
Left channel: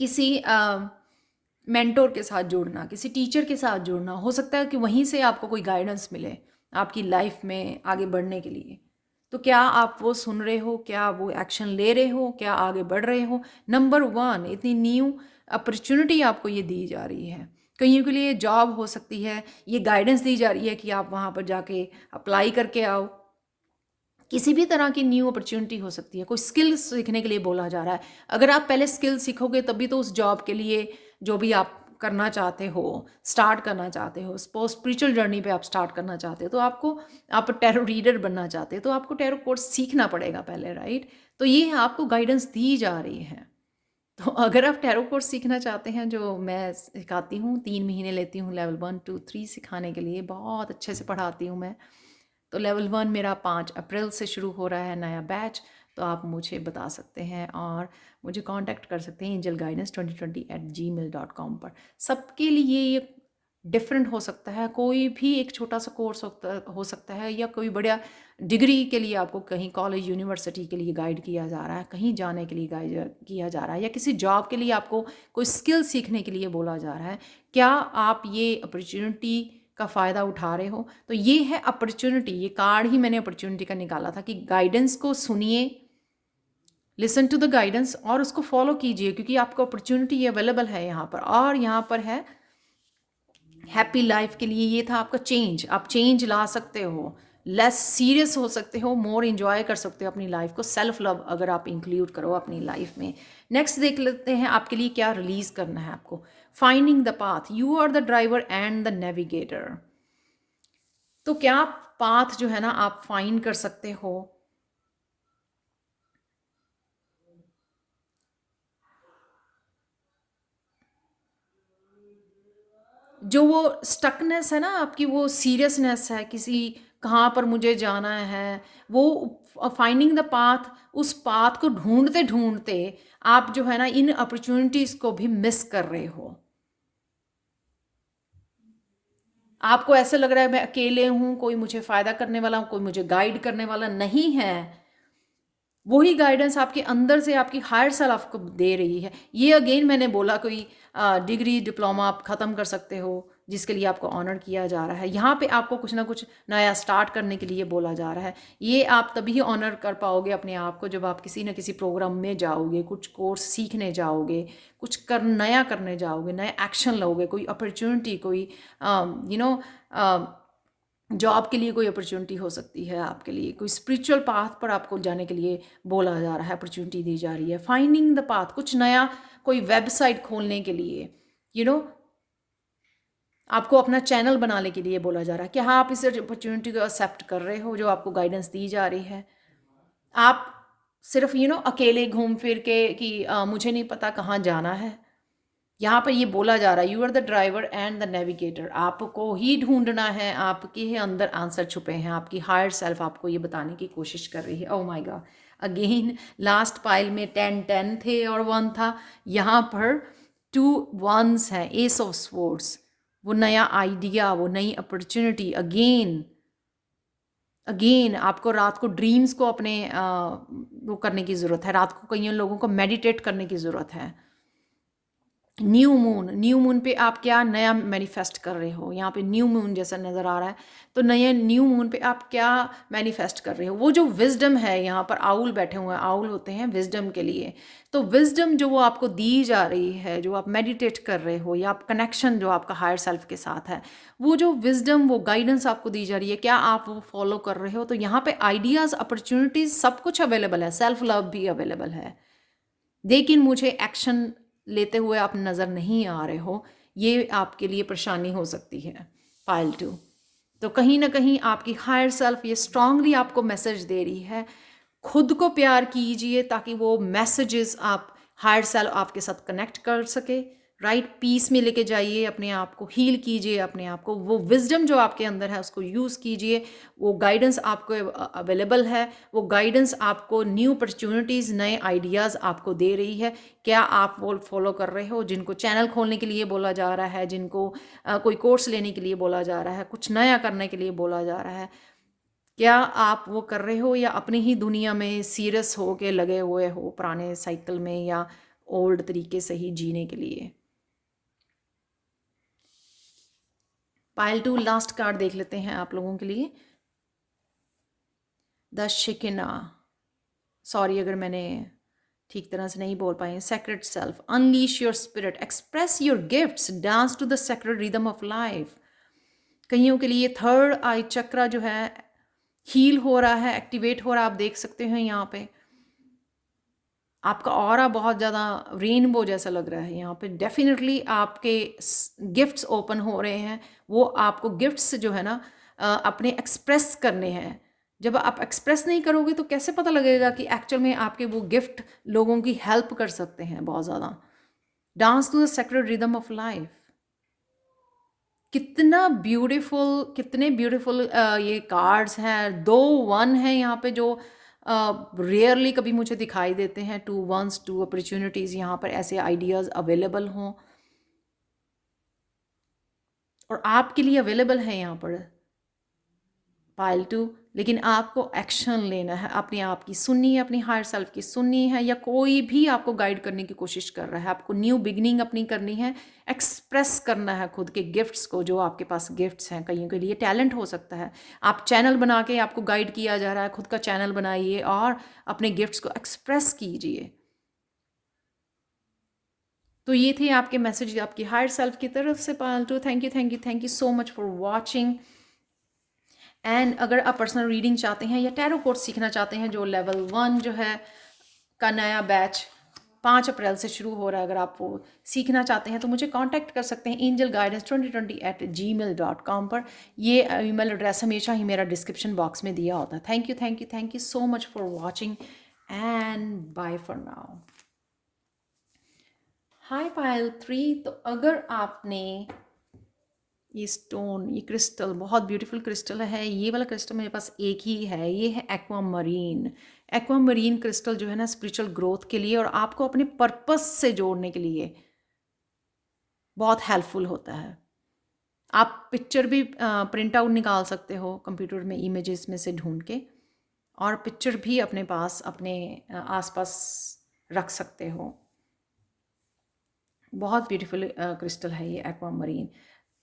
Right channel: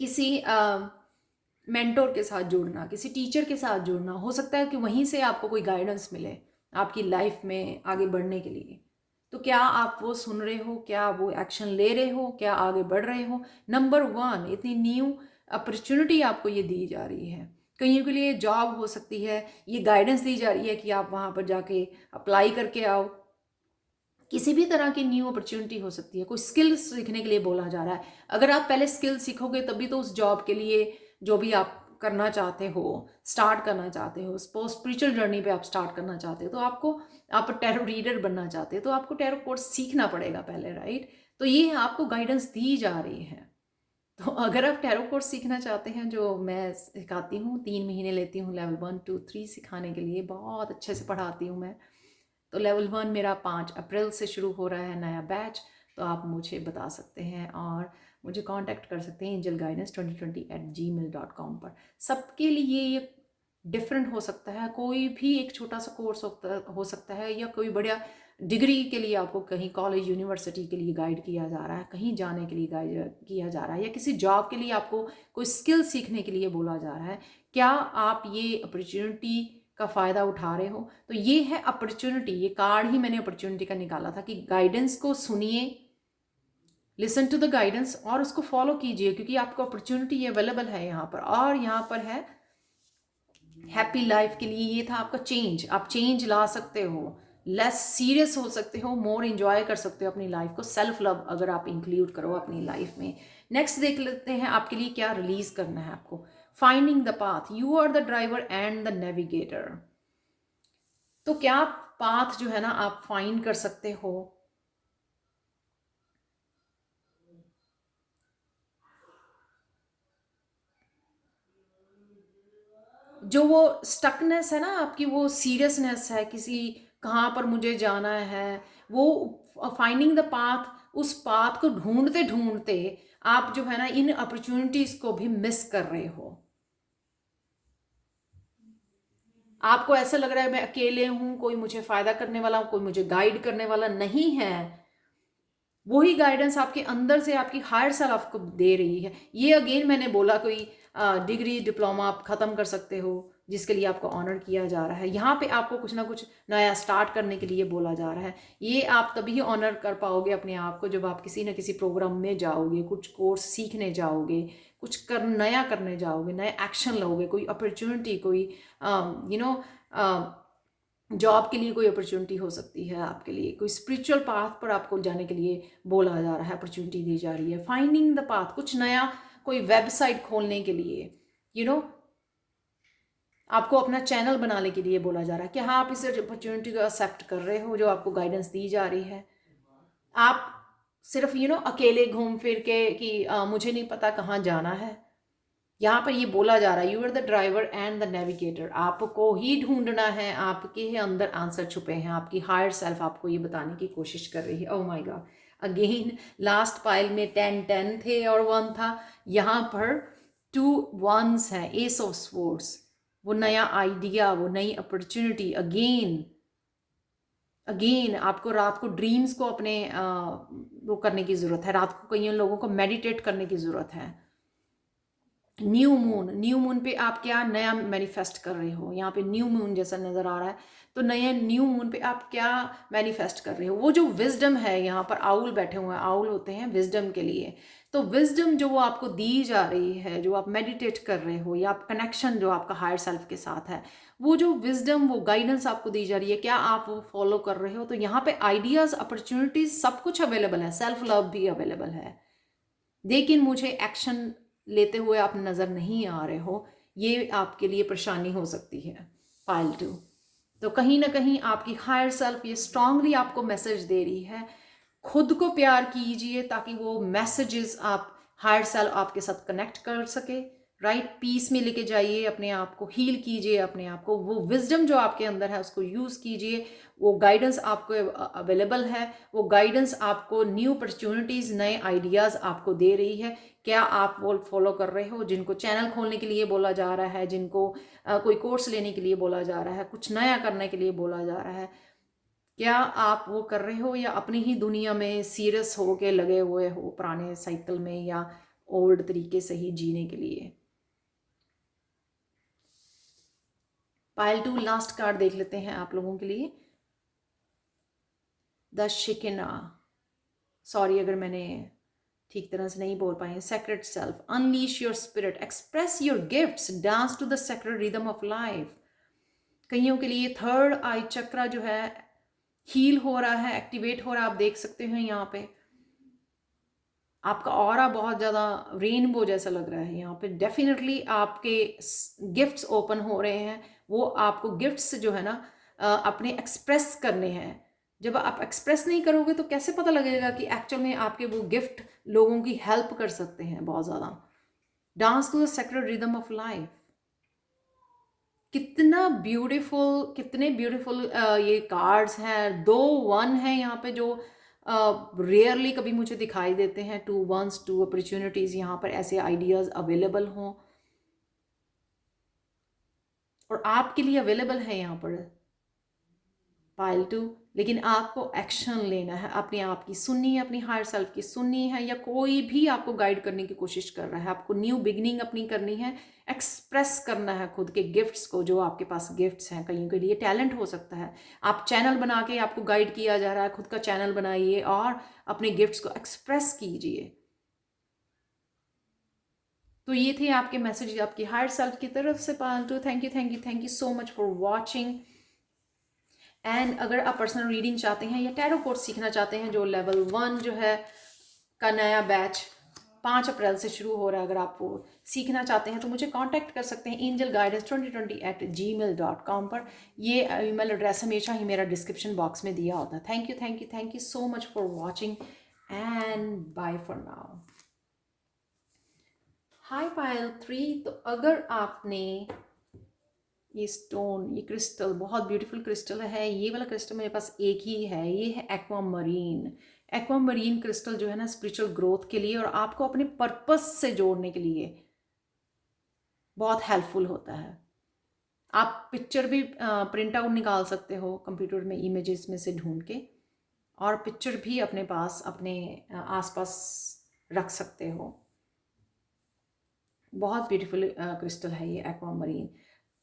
किसी मेंटोर के साथ जुड़ना, किसी टीचर के साथ जुड़ना, हो सकता है कि वहीं से आपको कोई गाइडेंस मिले आपकी लाइफ में आगे बढ़ने के लिए। तो क्या आप वो सुन रहे हो? क्या वो एक्शन ले रहे हो? क्या आगे बढ़ रहे हो? नंबर वन, इतनी न्यू अपॉर्चुनिटी आपको ये दी जा रही है। कईयों के लिए जॉब हो सकती है, ये गाइडेंस दी जा रही है कि आप वहाँ पर जाके अप्लाई करके आओ। किसी भी तरह की न्यू अपॉर्चुनिटी हो सकती है, कोई स्किल सीखने के लिए बोला जा रहा है। अगर आप पहले स्किल सीखोगे तभी तो उस जॉब के लिए जो भी आप करना चाहते हो, स्टार्ट करना चाहते हो, सपोज स्पिरिचुअल जर्नी पे आप स्टार्ट करना चाहते हो, तो आपको, आप टैरो रीडर बनना चाहते हो तो आपको टैरो कोर्स सीखना पड़ेगा पहले, राइट? तो ये आपको गाइडेंस दी जा रही है। तो अगर आप टैरो कोर्स सीखना चाहते हैं, जो मैं सिखाती हूँ, 3 महीने लेती हूँ लेवल 1 2 3 सिखाने के लिए, बहुत अच्छे से पढ़ाती हूँ मैं। तो लेवल 1 मेरा 5 अप्रैल से शुरू हो रहा है नया बैच। तो आप मुझे बता सकते हैं और मुझे कांटेक्ट कर सकते हैं angelguidance2020@gmail.com पर। सबके लिए ये डिफरेंट हो सकता है, कोई भी एक छोटा सा कोर्स हो सकता है, या कोई बड़ा डिग्री के लिए आपको कहीं कॉलेज यूनिवर्सिटी के लिए गाइड किया जा रहा है, कहीं जाने के लिए गाइड किया जा रहा है, या किसी जॉब के लिए आपको कोई स्किल सीखने के लिए बोला जा रहा है। क्या आप ये अपॉर्चुनिटी का फ़ायदा उठा रहे हो? तो ये है अपॉर्चुनिटी, ये कार्ड ही मैंने अपॉर्चुनिटी का निकाला था कि गाइडेंस को सुनिए, लिसन टू द गाइडेंस और उसको फॉलो कीजिए, क्योंकि आपको अपॉर्चुनिटी अवेलेबल है यहाँ पर। और यहाँ पर है हैप्पी लाइफ के लिए, ये था आपका चेंज, आप चेंज ला सकते हो। लेस सीरियस हो सकते हो, मोर इंजॉय कर सकते हो अपनी लाइफ को, सेल्फ लव अगर आप इंक्लूड करो अपनी लाइफ में। नेक्स्ट देख लेते हैं आपके लिए क्या रिलीज करना है आपको। Finding the path, you are the driver and the navigator. तो क्या पाथ जो है ना आप फाइंड कर सकते हो। जो वो स्टकनेस है ना आपकी, वो सीरियसनेस है किसी, कहाँ पर मुझे जाना है, वो फाइंडिंग द पाथ, उस पाथ को ढूंढते ढूंढते आप जो है ना इन अपॉर्चुनिटीज को भी मिस कर रहे हो। आपको ऐसा लग रहा है मैं अकेले हूं, कोई मुझे फायदा करने वाला, कोई मुझे गाइड करने वाला नहीं है। वही गाइडेंस आपके अंदर से आपकी हायर सेल्फ आपको दे रही है। ये अगेन मैंने बोला कोई डिग्री डिप्लोमा आप ख़त्म कर सकते हो जिसके लिए आपको ऑनर किया जा रहा है। यहाँ पे आपको कुछ ना कुछ नया स्टार्ट करने के लिए बोला जा रहा है। ये आप तभी ऑनर कर पाओगे अपने आप को जब आप किसी न किसी प्रोग्राम में जाओगे, कुछ कोर्स सीखने जाओगे, कुछ नया करने जाओगे, नया एक्शन लोगे, कोई अपॉर्चुनिटी, कोई यू नो जॉब के लिए कोई अपॉर्चुनिटी हो सकती है, आपके लिए कोई स्पिरिचुअल पाथ पर आपको जाने के लिए बोला जा रहा है, अपॉर्चुनिटी दी जा रही है। फाइंडिंग द पाथ, कुछ नया, कोई वेबसाइट खोलने के लिए, यू नो आपको अपना चैनल बनाने के लिए बोला जा रहा है कि हाँ आप इस अपॉर्चुनिटी को एक्सेप्ट कर रहे हो जो आपको गाइडेंस दी जा रही है। आप सिर्फ अकेले घूम फिर के कि मुझे नहीं पता कहाँ जाना है। यहाँ पर ये बोला जा रहा है you are the driver and the navigator. आपको ही ढूंढना है, आपके ही अंदर आंसर छुपे हैं, आपकी हायर सेल्फ आपको ये बताने की कोशिश कर रही है। Oh my God, again last pile में 10 थे और 1 था, यहाँ पर 2 1s हैं, एस ऑफ स्वॉर्ड्स। वो नया आइडिया, वो नई अपॉर्चुनिटी, अगेन अगेन आपको रात को ड्रीम्स को अपने वो करने की ज़रूरत है। रात को कई लोगों को मेडिटेट करने की ज़रूरत है। न्यू मून, न्यू मून पे आप क्या नया मैनिफेस्ट कर रहे हो, यहाँ पे न्यू मून जैसा नज़र आ रहा है। तो नए न्यू मून पे आप क्या मैनिफेस्ट कर रहे हो। वो जो विजडम है, यहाँ पर आउल बैठे हुए हैं, आउल होते हैं विजडम के लिए। तो विजडम जो वो आपको दी जा रही है, जो आप मेडिटेट कर रहे हो, या आप कनेक्शन जो आपका हायर सेल्फ के साथ है, वो जो विजडम, वो गाइडेंस आपको दी जा रही है, क्या आप वो फॉलो कर रहे हो। तो यहाँ पे आइडियाज़, अपॉर्चुनिटीज़, सब कुछ अवेलेबल है, सेल्फ लव भी अवेलेबल है, लेकिन मुझे एक्शन लेते हुए आप नज़र नहीं आ रहे हो। ये आपके लिए परेशानी हो सकती है। पाइल 2, तो कहीं ना कहीं आपकी हायर सेल्फ ये स्ट्रांगली आपको मैसेज दे रही है, खुद को प्यार कीजिए ताकि वो मैसेजेस आप हायर सेल्फ आपके साथ कनेक्ट कर सके। राइट, पीस में लेके जाइए अपने आप को, हील कीजिए अपने आप को, वो विजडम जो आपके अंदर है उसको यूज़ कीजिए। वो गाइडेंस आपको अवेलेबल है, वो गाइडेंस आपको न्यू अपॉर्चुनिटीज़, नए आइडियाज़ आपको दे रही है। क्या आप वो फॉलो कर रहे हो। जिनको चैनल खोलने के लिए बोला जा रहा है, जिनको कोई कोर्स लेने के लिए बोला जा रहा है, कुछ नया करने के लिए बोला जा रहा है, क्या आप वो कर रहे हो, या अपनी ही दुनिया में सीरियस हो के लगे हुए हो पुराने साइकिल में, या ओल्ड तरीके से ही जीने के लिए। पाइल 2, लास्ट कार्ड देख लेते हैं आप लोगों के लिए, द शिकिना। सॉरी अगर मैंने ठीक तरह से नहीं बोल पाए। Sacred self, unleash your spirit, express your gifts, dance to the secret rhythm of life. कईयों के लिए थर्ड आई चक्रा जो है हील हो रहा है, एक्टिवेट हो रहा है। आप देख सकते हैं यहाँ पे आपका ऑरा बहुत ज़्यादा रेनबो जैसा लग रहा है। यहाँ पे डेफिनेटली आपके गिफ्ट्स ओपन हो रहे हैं। वो आपको गिफ्ट्स जो है ना अपने एक्सप्रेस करने हैं। जब आप एक्सप्रेस नहीं करोगे तो कैसे पता लगेगा कि एक्चुअल में आपके वो गिफ्ट लोगों की हेल्प कर सकते हैं बहुत ज़्यादा। Dance to the secret rhythm of life, कितना ब्यूटीफुल, कितने ब्यूटीफुल ये कार्ड्स हैं। 2 1 हैं यहाँ पे जो रेयरली कभी मुझे दिखाई देते हैं। 2 1s, 2 अपॉर्चुनिटीज़, यहाँ पर ऐसे आइडियाज़ अवेलेबल हों और आपके लिए अवेलेबल है यहाँ पर पाइल 2। लेकिन आपको एक्शन लेना है, अपने आप की सुननी है, अपनी हायर सेल्फ की सुननी है, या कोई भी आपको गाइड करने की कोशिश कर रहा है, आपको न्यू बिगनिंग अपनी करनी है, एक्सप्रेस करना है खुद के गिफ्ट्स को, जो आपके पास गिफ्ट्स हैं। कईयों के लिए टैलेंट हो सकता है, आप चैनल बना के, आपको गाइड किया जा रहा है, खुद का चैनल बनाइए और अपने गिफ्ट्स को एक्सप्रेस कीजिए। तो ये थे आपके मैसेज आपकी हायर सेल्फ की तरफ से pile 2। Thank you, thank you, thank you so much for watching. And अगर आप पर्सनल रीडिंग चाहते हैं या टैरो कोर्स सीखना चाहते हैं, जो लेवल 1 जो है का नया बैच 5 अप्रैल से शुरू हो रहा है, अगर आप वो सीखना चाहते हैं तो मुझे कांटेक्ट कर सकते हैं angelguidance2020@gmail.com पर। ये ईमेल एड्रेस हमेशा ही मेरा डिस्क्रिप्शन बॉक्स में दिया होता है। Thank you so much for watching and bye for now. Hi Payal 3। तो अगर आपने ये स्टोन, ये क्रिस्टल बहुत ब्यूटीफुल क्रिस्टल है, ये वाला क्रिस्टल मेरे पास एक ही है, ये है एक्वामरीन। एक्वामरीन क्रिस्टल जो है ना स्पिरिचुअल ग्रोथ के लिए और आपको अपने पर्पस से जोड़ने के लिए बहुत हेल्पफुल होता है। आप पिक्चर भी प्रिंट आउट निकाल सकते हो कंप्यूटर में इमेजेस में से ढूंढ के, और पिक्चर भी अपने पास अपने आसपास रख सकते हो। बहुत ब्यूटीफुल क्रिस्टल है ये एक्वामरीन।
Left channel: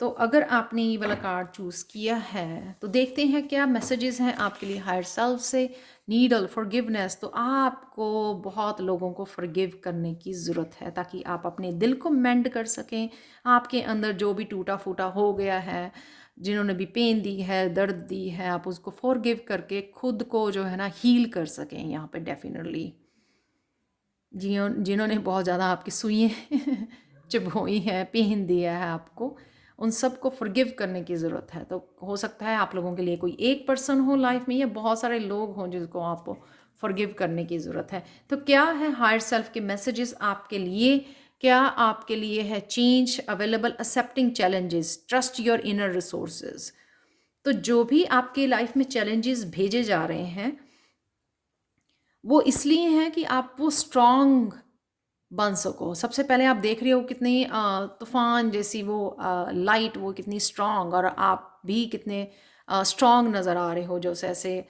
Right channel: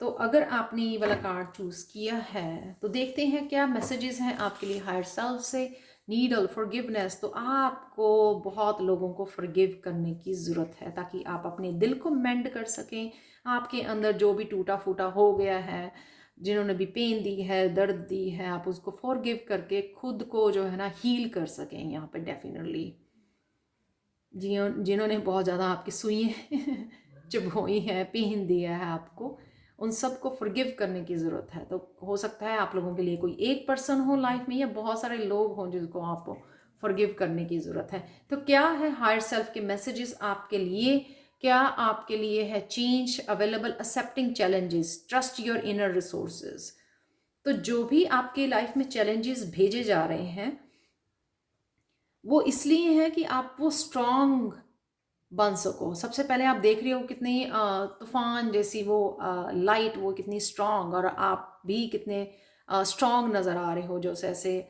तो अगर आपने ये वाला कार्ड चूज़ किया है तो देखते हैं क्या मैसेजेस हैं आपके लिए हायर सेल्फ से। नीडल फॉरगिवनेस, तो आपको बहुत लोगों को फॉरगिव करने की ज़रूरत है ताकि आप अपने दिल को मेंड कर सकें। आपके अंदर जो भी टूटा फूटा हो गया है, जिन्होंने भी पेन दी है, दर्द दी है, आप उसको फॉरगिव करके खुद को जो है ना हील कर सकें। यहाँ पे डेफिनेटली जिन्होंने बहुत ज़्यादा आपकी सुई चुभोई है, पेन दिया है आपको, उन सबको फॉरगिव करने की ज़रूरत है। तो हो सकता है आप लोगों के लिए कोई एक पर्सन हो लाइफ में या बहुत सारे लोग हों जिसको आपको फॉरगिव करने की ज़रूरत है। तो क्या है हायर सेल्फ के मैसेजेस आपके लिए? क्या आपके लिए है change available, accepting challenges, trust your inner resources. तो जो भी आपके लाइफ में चैलेंजेस भेजे जा रहे हैं वो इसलिए है कि आप वो स्ट्रांग बन सको। सबसे पहले आप देख रहे हो कितनी तूफान जैसी वो लाइट, वो कितनी स्ट्रांग, और आप भी कितने स्ट्रांग नज़र आ रहे हो, जो ऐसे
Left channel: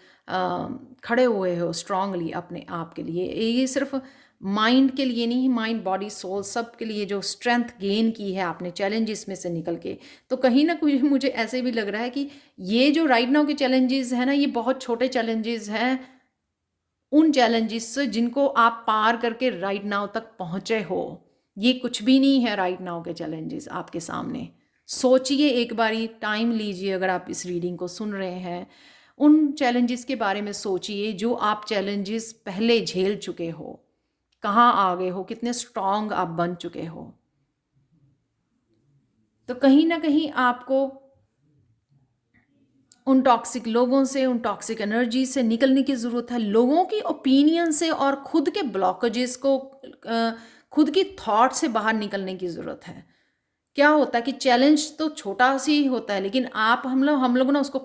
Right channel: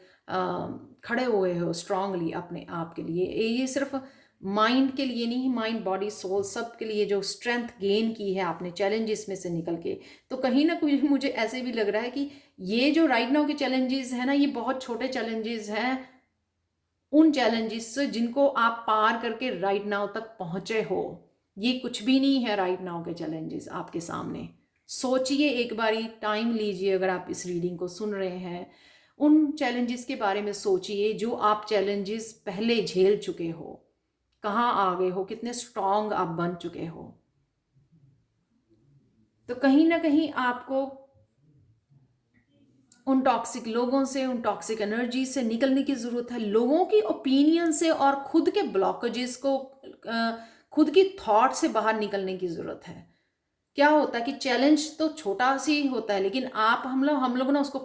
खड़े हुए हो स्ट्रांगली अपने आप के लिए। ये सिर्फ माइंड के लिए नहीं, माइंड बॉडी सोल सब के लिए जो स्ट्रेंथ गेन की है आपने चैलेंजेस में से निकल के। तो कहीं ना कहीं मुझे ऐसे भी लग रहा है कि ये जो राइट नाउ के चैलेंजेस हैं ना, ये बहुत छोटे चैलेंजेस हैं उन चैलेंजेस से जिनको आप पार करके राइट नाउ तक पहुंचे हो। ये कुछ भी नहीं है राइट नाउ के चैलेंजेस आपके सामने। सोचिए एक बारी, टाइम लीजिए, अगर आप इस रीडिंग को सुन रहे हैं उन चैलेंजेस के बारे में सोचिए जो आप चैलेंजेस पहले झेल चुके हो, कहाँ आ गए हो, कितने स्ट्रांग आप बन चुके हो। तो कहीं ना कहीं आपको उन टॉक्सिक लोगों से, उन टॉक्सिक एनर्जी से निकलने की ज़रूरत है। लोगों की ओपिनियन से और खुद के ब्लॉकेजेस को, खुद की थॉट से बाहर निकलने की ज़रूरत है। क्या होता है कि चैलेंज तो छोटा सी ही होता है, लेकिन हम लोग ना उसको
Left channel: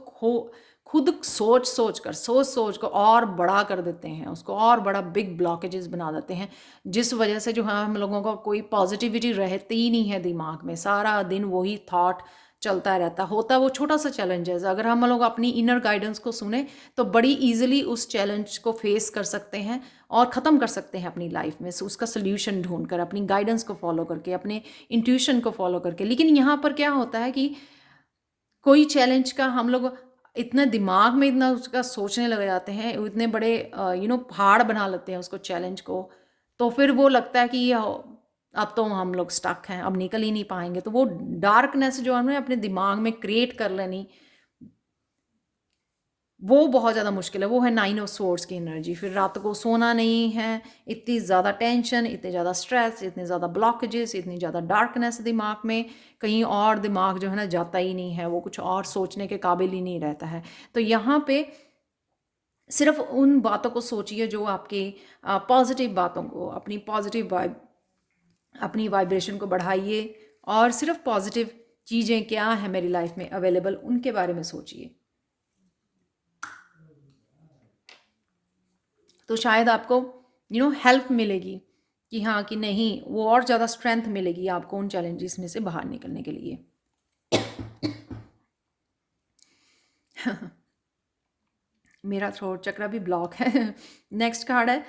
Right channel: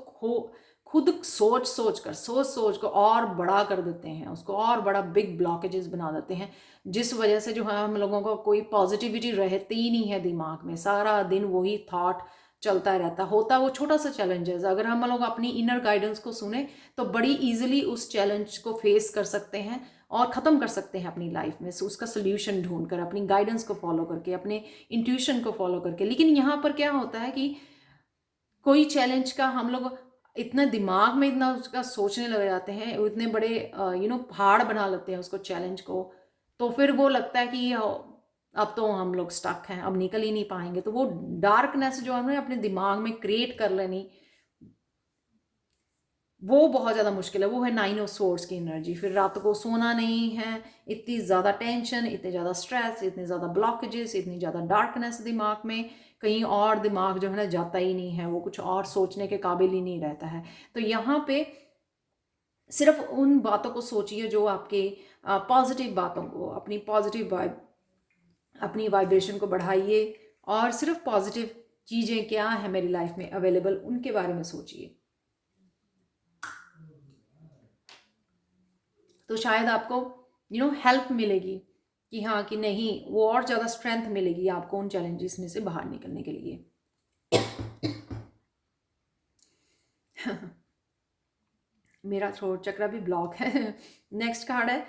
खुद सोच को और बड़ा कर देते हैं, उसको और बड़ा बिग ब्लॉकेजेस बना देते हैं, जिस वजह से जो हम लोगों का कोई पॉजिटिविटी रहती ही नहीं है दिमाग में। सारा दिन वही थॉट चलता रहता होता। वो छोटा सा चैलेंज है, अगर हम लोग अपनी इनर गाइडेंस को सुने तो बड़ी इजीली उस चैलेंज को फेस कर सकते हैं और ख़त्म कर सकते हैं अपनी लाइफ में। उसका सोल्यूशन ढूंढकर, अपनी गाइडेंस को फॉलो करके, अपने इंट्यूशन को फॉलो करके। लेकिन यहाँ पर क्या होता है कि कोई चैलेंज का हम लोग इतना दिमाग में इतना उसका सोचने लग जाते हैं, इतने बड़े पहाड़ बना लेते हैं उसको, चैलेंज को। तो फिर वो लगता है कि ये अब तो हम लोग स्टक हैं, अब निकल ही नहीं पाएंगे। तो वो डार्कनेस जो हमने अपने दिमाग में क्रिएट कर लेनी, वो बहुत ज़्यादा मुश्किल है। वो है 9 ऑफ सोर्ड्स की एनर्जी। फिर रात को सोना नहीं है, इतनी ज़्यादा टेंशन, इतने ज़्यादा स्ट्रेस, इतने ज़्यादा ब्लॉकेजेस, इतनी ज़्यादा डार्कनेस दिमाग में, कहीं और दिमाग जो है ना जाता ही नहीं है, वो कुछ और सोचने के काबिल ही नहीं रहता है। तो यहाँ पे सिर्फ उन बातों को सोचिए जो आपके पॉजिटिव बातों को, अपनी पॉजिटिव वाइब, अपनी वाइब्रेशन को बढ़ाइए, और सिर्फ पॉजिटिव चीज़ें क्या है मेरी लाइफ में अवेलेबल उनके बारे में सोचिए। तो शायद आपको हेल्प मिलेगी कि हाँ कि नहीं, वो और ज़्यादा स्ट्रेंथ मिलेगी आपको उन चैलेंजेस में से बाहर निकलने के लिए। मेरा थ्रोट चक्र भी ब्लॉक है। नेक्स्ट कार्ड है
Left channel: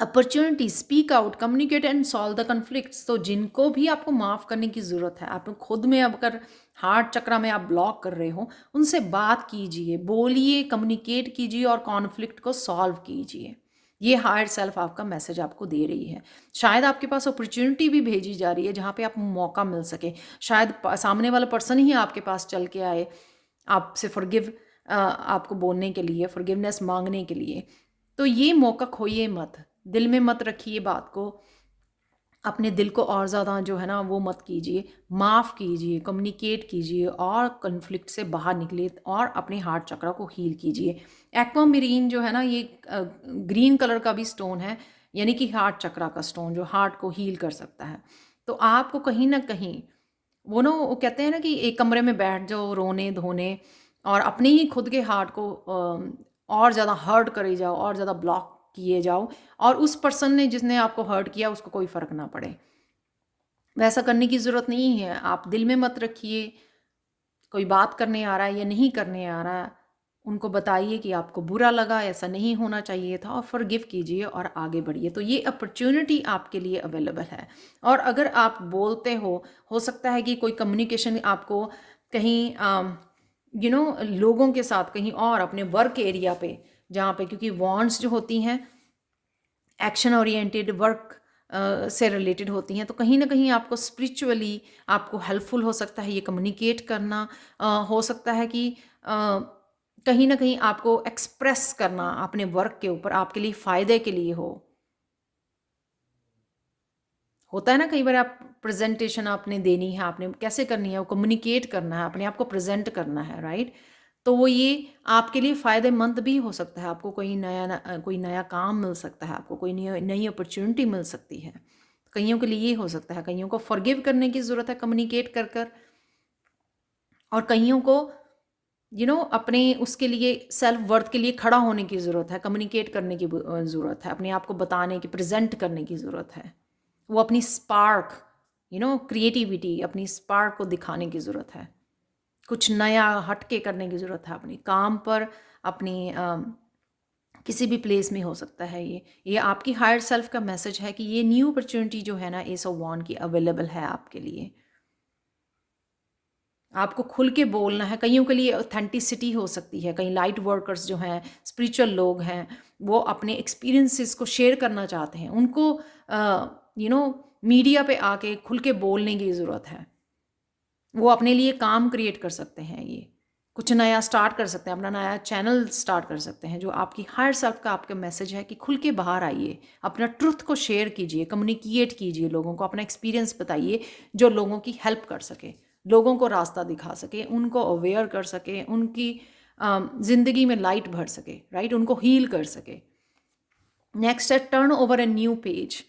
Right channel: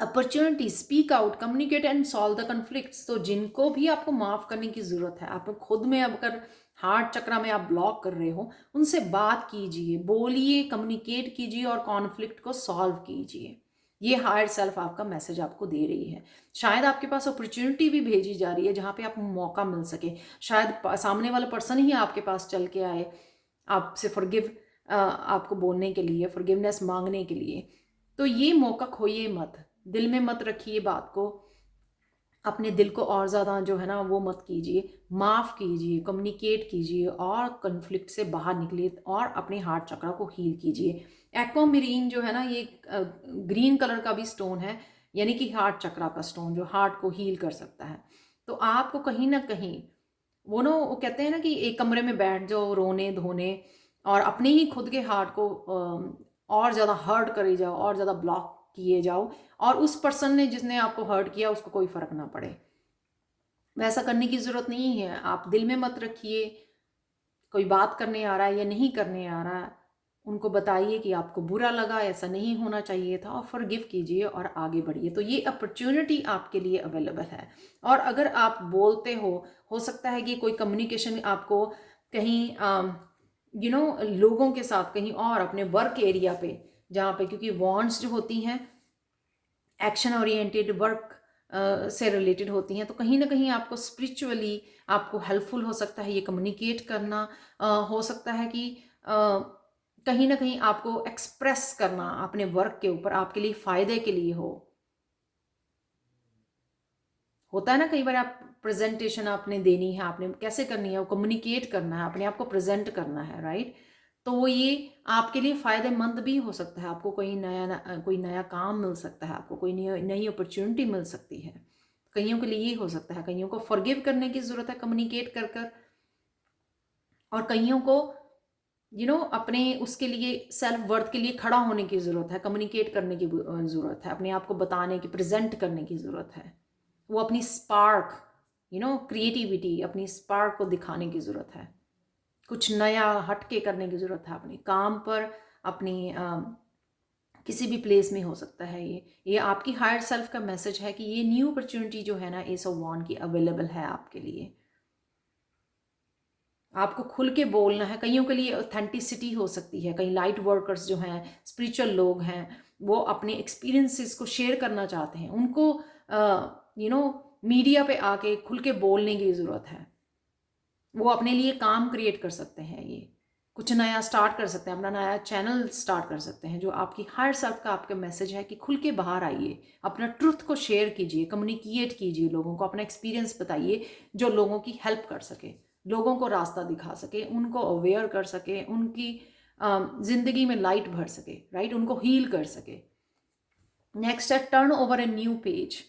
opportunity, speak out, communicate and solve the conflicts. तो जिनको भी आपको माफ़ करने की ज़रूरत है, आप खुद में अगर हार्ट चक्र में आप ब्लॉक कर रहे हो, उनसे बात कीजिए, बोलिए, कम्युनिकेट कीजिए और कॉन्फ्लिक्ट को सॉल्व कीजिए। ये हायर सेल्फ आपका मैसेज आपको दे रही है। शायद आपके पास अपॉर्चुनिटी भी भेजी जा रही है जहाँ पे आपको मौका मिल सके। शायद सामने वाला पर्सन ही आपके पास चल के आए आपसे फॉरगिव आपको बोलने के लिए, फॉरगिवनेस मांगने के लिए। तो ये मौका खोइए मत, दिल में मत रखिए बात को, अपने दिल को और ज़्यादा जो है ना वो मत कीजिए, माफ़ कीजिए, कम्युनिकेट कीजिए और कॉन्फ्लिक्ट से बाहर निकलिए और अपने हार्ट चक्र को हील कीजिए। एक्वामेरीन जो है ना ये ग्रीन कलर का भी स्टोन है, यानी कि हार्ट चक्र का स्टोन जो हार्ट को हील कर सकता है। तो आपको कहीं ना कहीं वो ना वो कहते हैं ना कि एक कमरे में बैठ जाओ रोने धोने और अपने ही खुद के हार्ट को और ज़्यादा हर्ट करे जाओ और ज़्यादा ब्लॉक किए जाओ, और उस पर्सन ने जिसने आपको हर्ट किया उसको कोई फ़र्क ना पड़े। वैसा करने की ज़रूरत नहीं है। आप दिल में मत रखिए, कोई बात करने आ रहा है या नहीं करने आ रहा है, उनको बताइए कि आपको बुरा लगा, ऐसा नहीं होना चाहिए था, और फ़ॉरगिव कीजिए और आगे बढ़िए। तो ये अपॉर्च्युनिटी आपके लिए अवेलेबल है। और अगर आप बोलते हो सकता है कि कोई कम्युनिकेशन आपको कहीं लोगों के साथ कहीं और अपने वर्क एरिया पे, जहाँ पे क्योंकि वॉन्ट्स जो होती हैं एक्शन ओरिएंटेड वर्क से रिलेटेड होती हैं, तो कहीं ना कहीं आपको स्पिरिचुअली आपको हेल्पफुल हो सकता है ये कम्युनिकेट करना। हो सकता है कि कहीं ना कहीं आपको एक्सप्रेस करना अपने वर्क के ऊपर आपके लिए फ़ायदे के लिए होता है ना कई बार आप प्रेजेंटेशन आपने देनी है, आपने कैसे करनी है, वो कम्युनिकेट करना है, अपने आप को प्रेजेंट करना है, राइट। तो वो ये आपके लिए फ़ायदेमंद भी हो सकता है, आपको कोई नया काम मिल सकता है, आपको कोई नई नई अपॉर्चुनिटी मिल सकती है। कईयों के लिए ये हो सकता है, कईयों को फॉरगिव करने की ज़रूरत है कम्युनिकेट कर कर, और कईयों को अपने उसके लिए सेल्फ वर्थ के लिए खड़ा होने की ज़रूरत है, कम्युनिकेट करने की ज़रूरत है, अपने आप को बताने की, प्रेजेंट करने की ज़रूरत है। वो अपनी स्पार्क क्रिएटिविटी, अपनी स्पार्क को दिखाने की ज़रूरत है, कुछ नया हटके करने की ज़रूरत है अपने काम पर, अपनी किसी भी प्लेस में हो सकता है। ये आपकी हायर सेल्फ का मैसेज है कि ये न्यू अपॉर्चुनिटी जो है ना एस ऑफ वांड की अवेलेबल है आपके लिए। आपको खुल के बोलना है। कईयों के लिए ऑथेंटिसिटी हो सकती है, कई लाइट वर्कर्स जो हैं, स्पिरिचुअल लोग हैं, वो अपने एक्सपीरियंसेस को शेयर करना चाहते हैं, उनको मीडिया पे आके खुल के बोलने की ज़रूरत है। वो अपने लिए काम क्रिएट कर सकते हैं, ये कुछ नया स्टार्ट कर सकते हैं, अपना नया चैनल स्टार्ट कर सकते हैं, जो आपकी हायर सेल्फ का आपका मैसेज है कि खुल के बाहर आइए, अपना ट्रुथ को शेयर कीजिए, कम्युनिकेट कीजिए, लोगों को अपना एक्सपीरियंस बताइए जो लोगों की हेल्प कर सके, लोगों को रास्ता दिखा सके, उनको अवेयर कर सके, उनकी ज़िंदगी में लाइट भर सके, राइट, उनको हील कर सके। नेक्स्ट है turn over a new page,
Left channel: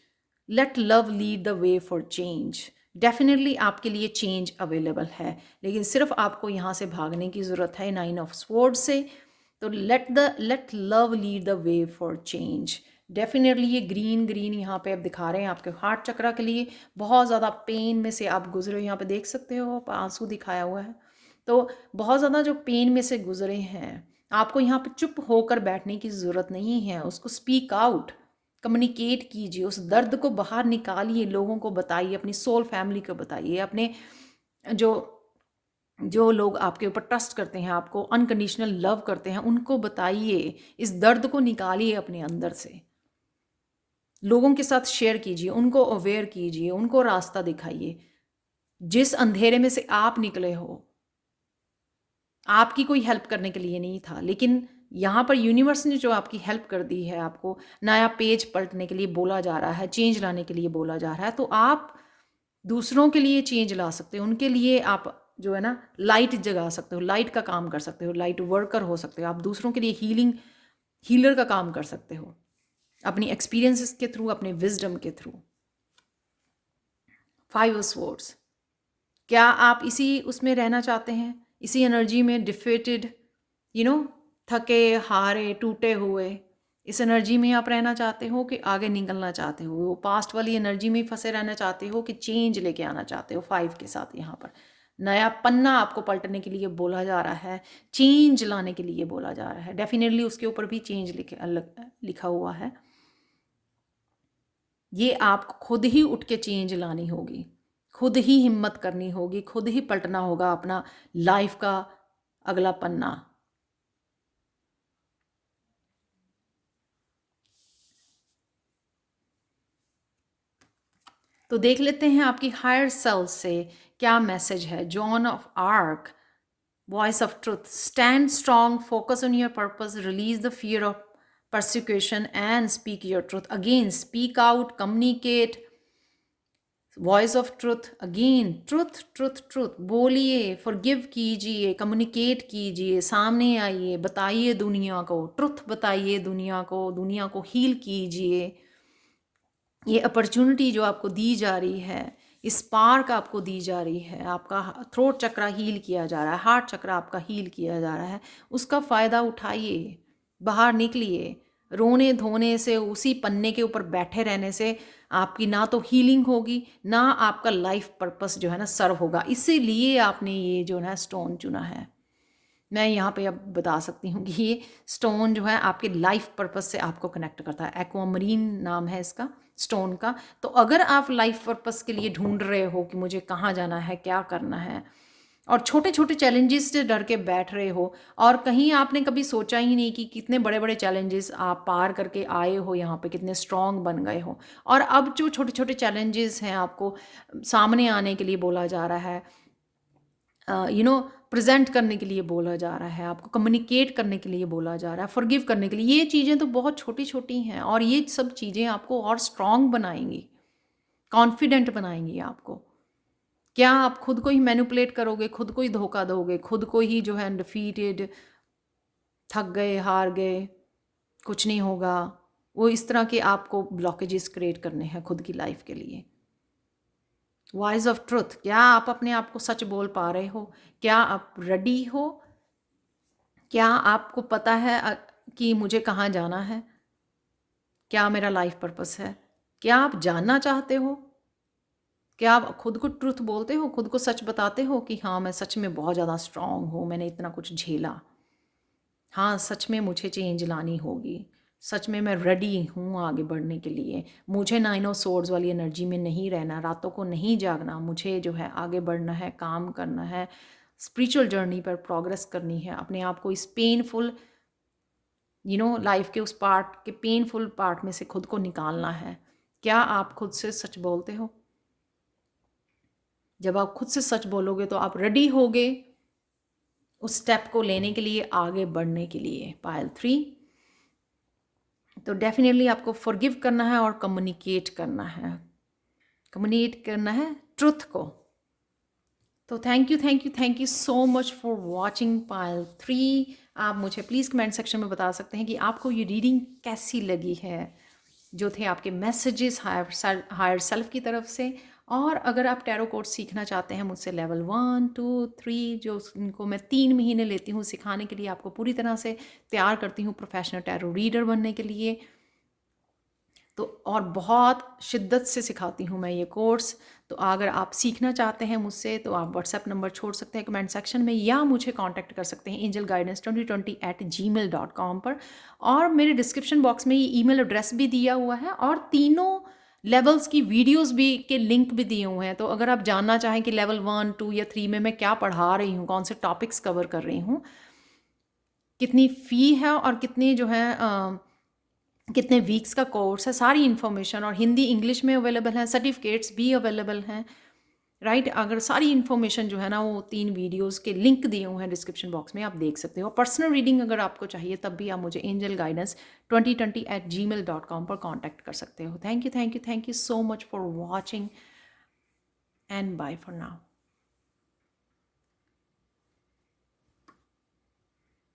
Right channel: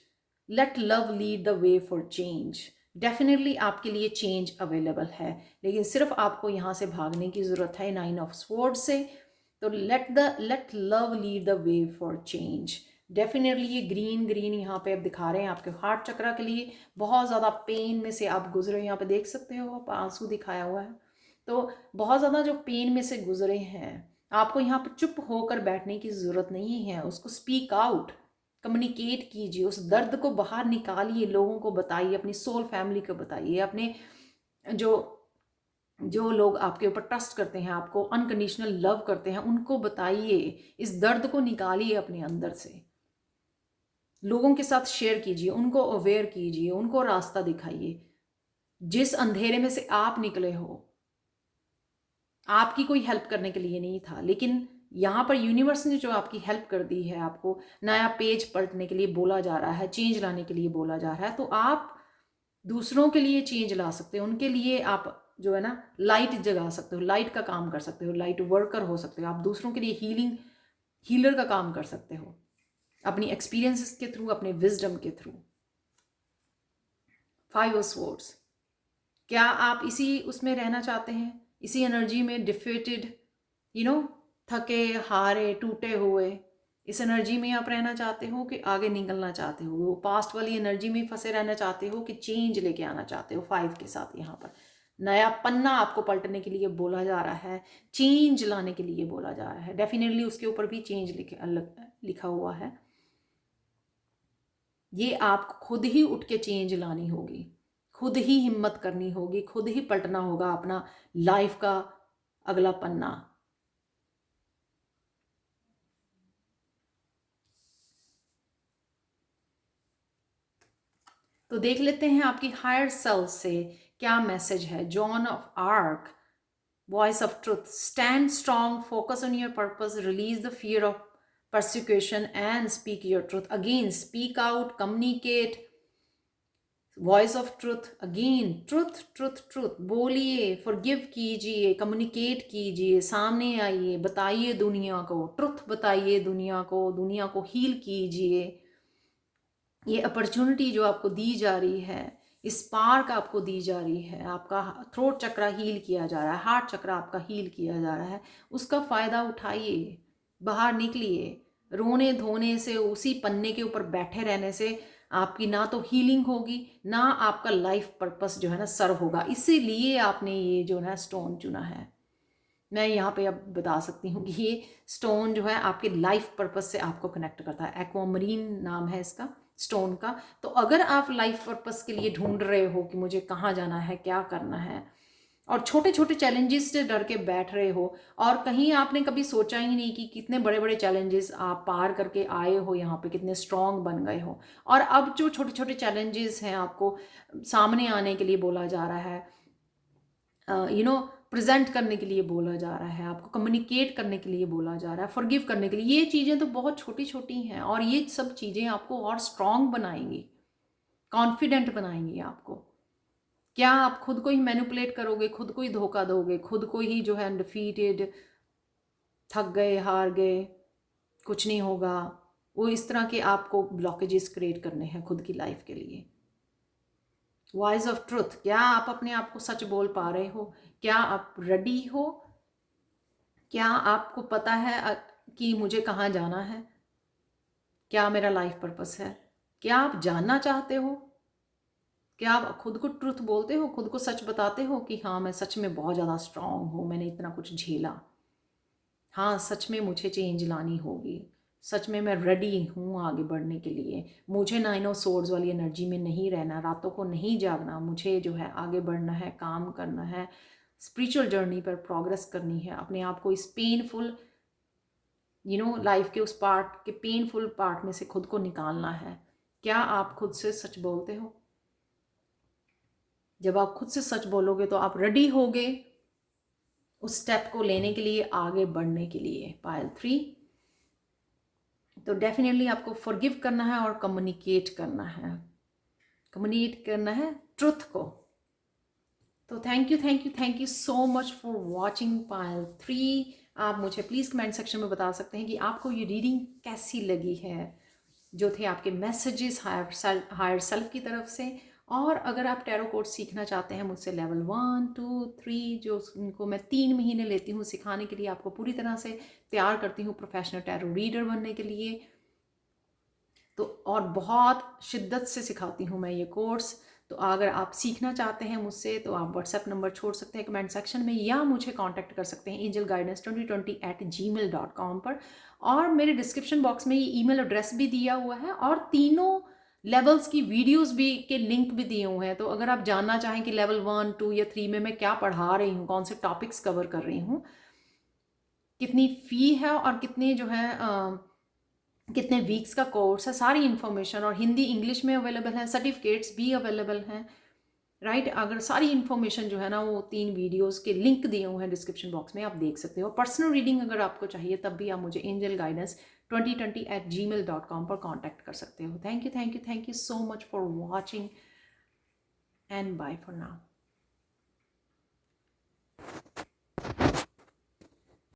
let love lead the way for change. Definitely आपके लिए चेंज अवेलेबल है, लेकिन सिर्फ आपको यहाँ से भागने की ज़रूरत है 9 ऑफ स्वॉर्ड से। तो let love lead the way for change. Definitely ये ग्रीन ग्रीन यहाँ पे आप दिखा रहे हैं आपके हार्ट चक्रा के लिए। बहुत ज़्यादा पेन में से आप गुजरे, यहाँ पे देख सकते हो आप आंसू दिखाया हुआ है। तो बहुत ज़्यादा जो पेन में से गुजरे हैं, आपको यहाँ पे चुप होकर बैठने की ज़रूरत नहीं है, उसको स्पीक आउट, कम्युनिकेट कीजिए, उस दर्द को बाहर निकालिए, लोगों को बताइए, अपनी सोल फैमिली को बताइए, अपने जो जो लोग आपके ऊपर ट्रस्ट करते हैं, आपको अनकंडीशनल लव करते हैं, उनको बताइए, इस दर्द को निकालिए अपने अंदर से, लोगों के साथ शेयर कीजिए, उनको अवेयर कीजिए, उनको रास्ता दिखाइए। जिस अंधेरे में से आप निकले हो, आपकी कोई हेल्प करने के लिए नहीं था, लेकिन यहाँ पर यूनिवर्स ने जो आपकी हेल्प कर दी है, आपको नया पेज पलटने के लिए बोला जा रहा है, चेंज लाने के लिए बोला जा रहा है, तो आप दूसरों के लिए चेंज ला सकते हो, उनके लिए आप जो है ना लाइट जगा सकते हो, लाइट का काम कर सकते हो, लाइट वर्कर हो सकते हो, आप दूसरों के लिए हीलर का काम कर सकते हो, अपनी एक्सपीरियंसेस के थ्रू, अपने विजडम के थ्रू। 5 स्वॉर्ड्स, क्या आप इसी उसमें रहना चाहते हैं, इसी एनर्जी में डिफेटेड, यू नो थके हारे टूटे हुए, इस एनर्जी में आप रहना चाहते हो कि आगे निकलना चाहते हो, वो पास्ट वाली एनर्जी में फंसे रहना चाहते हो कि चेंज लेके आना चाहते हो? 5 के साथ यहाँ पर नया पन्ना आपको पलटने के लिए बोला जा रहा है, चेंज लाने के लिए बोला जा रहा है। डेफिनेटली उसके ऊपर भी चेंज लिखा हुआ है। ये आप खुद ही उठ के चेंज लानी होगी, खुद ही हिम्मत करनी होगी, खुद ही पलटना होगा अपना लाइफ का अगला पन्ना। तो देख लेते हैं आपकी हायर सेल्फ से क्या मैसेज है। John of arc, Voice of truth. Stand strong, focus on your purpose, release the fear of persecution, and speak your truth. Again, speak out, communicate. Voice of truth again, truth truth truth बोलिए, फॉरगिव कीजिए, कम्युनिकेट कीजिए, सामने आइए, बताइए दुनिया को, ट्रुथ बताइए दुनिया को हील कीजिए। ये अपॉर्चुनिटी जो आपको दी जा रही है, इस स्पार्क आपको दी जा रही है, आपका थ्रोट चक्रा हील किया जा रहा है, हार्ट चक्रा आपका हील किया जा रहा है, उसका फ़ायदा उठाइए, बाहर निकलिए। रोने धोने से, उसी पन्ने के ऊपर बैठे रहने से आपकी ना तो हीलिंग होगी, ना आपका लाइफ पर्पस जो है ना सर्व होगा। इसीलिए आपने ये जो है स्टोन चुना है। मैं यहाँ पे अब बता सकती हूँ कि ये स्टोन जो है आपके लाइफ पर्पस से आपको कनेक्ट करता है। एक्वामरीन नाम है इसका स्टोन का। तो अगर आप लाइफ पर्पस के लिए ढूंढ रहे हो कि मुझे कहाँ जाना है, क्या करना है, और छोटे छोटे चैलेंजेस से डर के बैठ रहे हो, और कहीं आपने कभी सोचा ही नहीं कि कितने बड़े बड़े चैलेंजेस आप पार करके आए हो, यहाँ पे कितने स्ट्रांग बन गए हो, और अब जो छोटे छोटे चैलेंजेस हैं आपको सामने आने के लिए बोला जा रहा है, प्रेजेंट करने के लिए बोला जा रहा है, आपको कम्युनिकेट करने के लिए बोला जा रहा है, फॉरगिव करने के लिए। ये चीज़ें तो बहुत छोटी छोटी हैं, और ये सब चीज़ें आपको और स्ट्रांग बनाएंगी, कॉन्फिडेंट बनाएंगी आपको। क्या आप खुद को ही मैनिपुलेट करोगे, खुद को ही धोखा दोगे, खुद को ही जो है डिफीटेड, थक गए, हार गए, कुछ नहीं होगा, वो इस तरह के आपको ब्लॉकेजेस क्रिएट करने हैं खुद की लाइफ के लिए। वॉइस ऑफ ट्रुथ, क्या आप अपने आप को सच बोल पा रहे हो? क्या आप रेडी हो? क्या आपको पता है कि मुझे कहाँ जाना है? क्या मेरा लाइफ पर्पस है? क्या आप जानना चाहते हो? क्या आप खुद को ट्रुथ बोलते हो, खुद को सच बताते हो कि हाँ मैं सच में बहुत ज़्यादा स्ट्रांग हूँ, मैंने इतना कुछ झेला, हाँ सच में मुझे चेंज लानी होगी, सच में मैं रेडी हूँ आगे बढ़ने के लिए, मुझे 9 ऑफ सोर्ड्स वाली एनर्जी में नहीं रहना, रातों को नहीं जागना, मुझे जो है आगे बढ़ना है, काम करना है, स्पिरिचुअल जर्नी पर प्रोग्रेस करनी है, अपने आप को इस पेनफुल लाइफ के उस पार्ट के पेनफुल पार्ट में से खुद को निकालना है। क्या आप खुद से सच बोलते हो? जब आप खुद से सच बोलोगे तो आप रेडी होगे उस स्टेप को लेने के लिए, आगे बढ़ने के लिए। पायल 3, तो डेफिनेटली आपको फॉरगिव करना है और कम्युनिकेट करना है, ट्रुथ को। तो thank you so much for watching Payal 3। आप मुझे प्लीज़ कमेंट सेक्शन में बता सकते हैं कि आपको ये रीडिंग कैसी लगी है, जो थे आपके मैसेजेस हायर सेल्फ की तरफ से। और अगर आप टैरो कोड सीखना चाहते हैं मुझसे, लेवल 1, 2, 3, जो उनको मैं 3 महीने लेती हूँ सिखाने के लिए, आपको पूरी तरह से तैयार करती हूँ प्रोफेशनल टैरो रीडर बनने के लिए, तो और बहुत शिद्दत से सिखाती हूँ मैं ये कोर्स। तो अगर आप सीखना चाहते हैं मुझसे तो आप व्हाट्सएप नंबर छोड़ सकते हैं कमेंट सेक्शन में, या मुझे कांटेक्ट कर सकते हैं angelguidance2020@gmail.com पर। और मेरे डिस्क्रिप्शन बॉक्स में ये ईमेल एड्रेस भी दिया हुआ है, और तीनों लेवल्स की वीडियोस भी के लिंक भी दिए हुए हैं। तो अगर आप जानना चाहें कि लेवल 1, 2 या 3 में मैं क्या पढ़ा रही हूँ, कौन से टॉपिक्स कवर कर रही हूँ, कितनी फ़ी है, और कितने जो है कितने वीक्स का कोर्स है, सारी इन्फॉर्मेशन, और हिंदी इंग्लिश में अवेलेबल है, सर्टिफिकेट्स भी अवेलेबल हैं, राइट। अगर सारी इन्फॉर्मेशन जो है ना, वो 3 वीडियोस के लिंक दिए हुए हैं डिस्क्रिप्शन बॉक्स में, आप देख सकते हो। पर्सनल रीडिंग अगर आपको चाहिए तब भी आप मुझे angelguidance2020@gmail.com पर कॉन्टैक्ट कर सकते हो। Thank you so much for watching, and bye for now.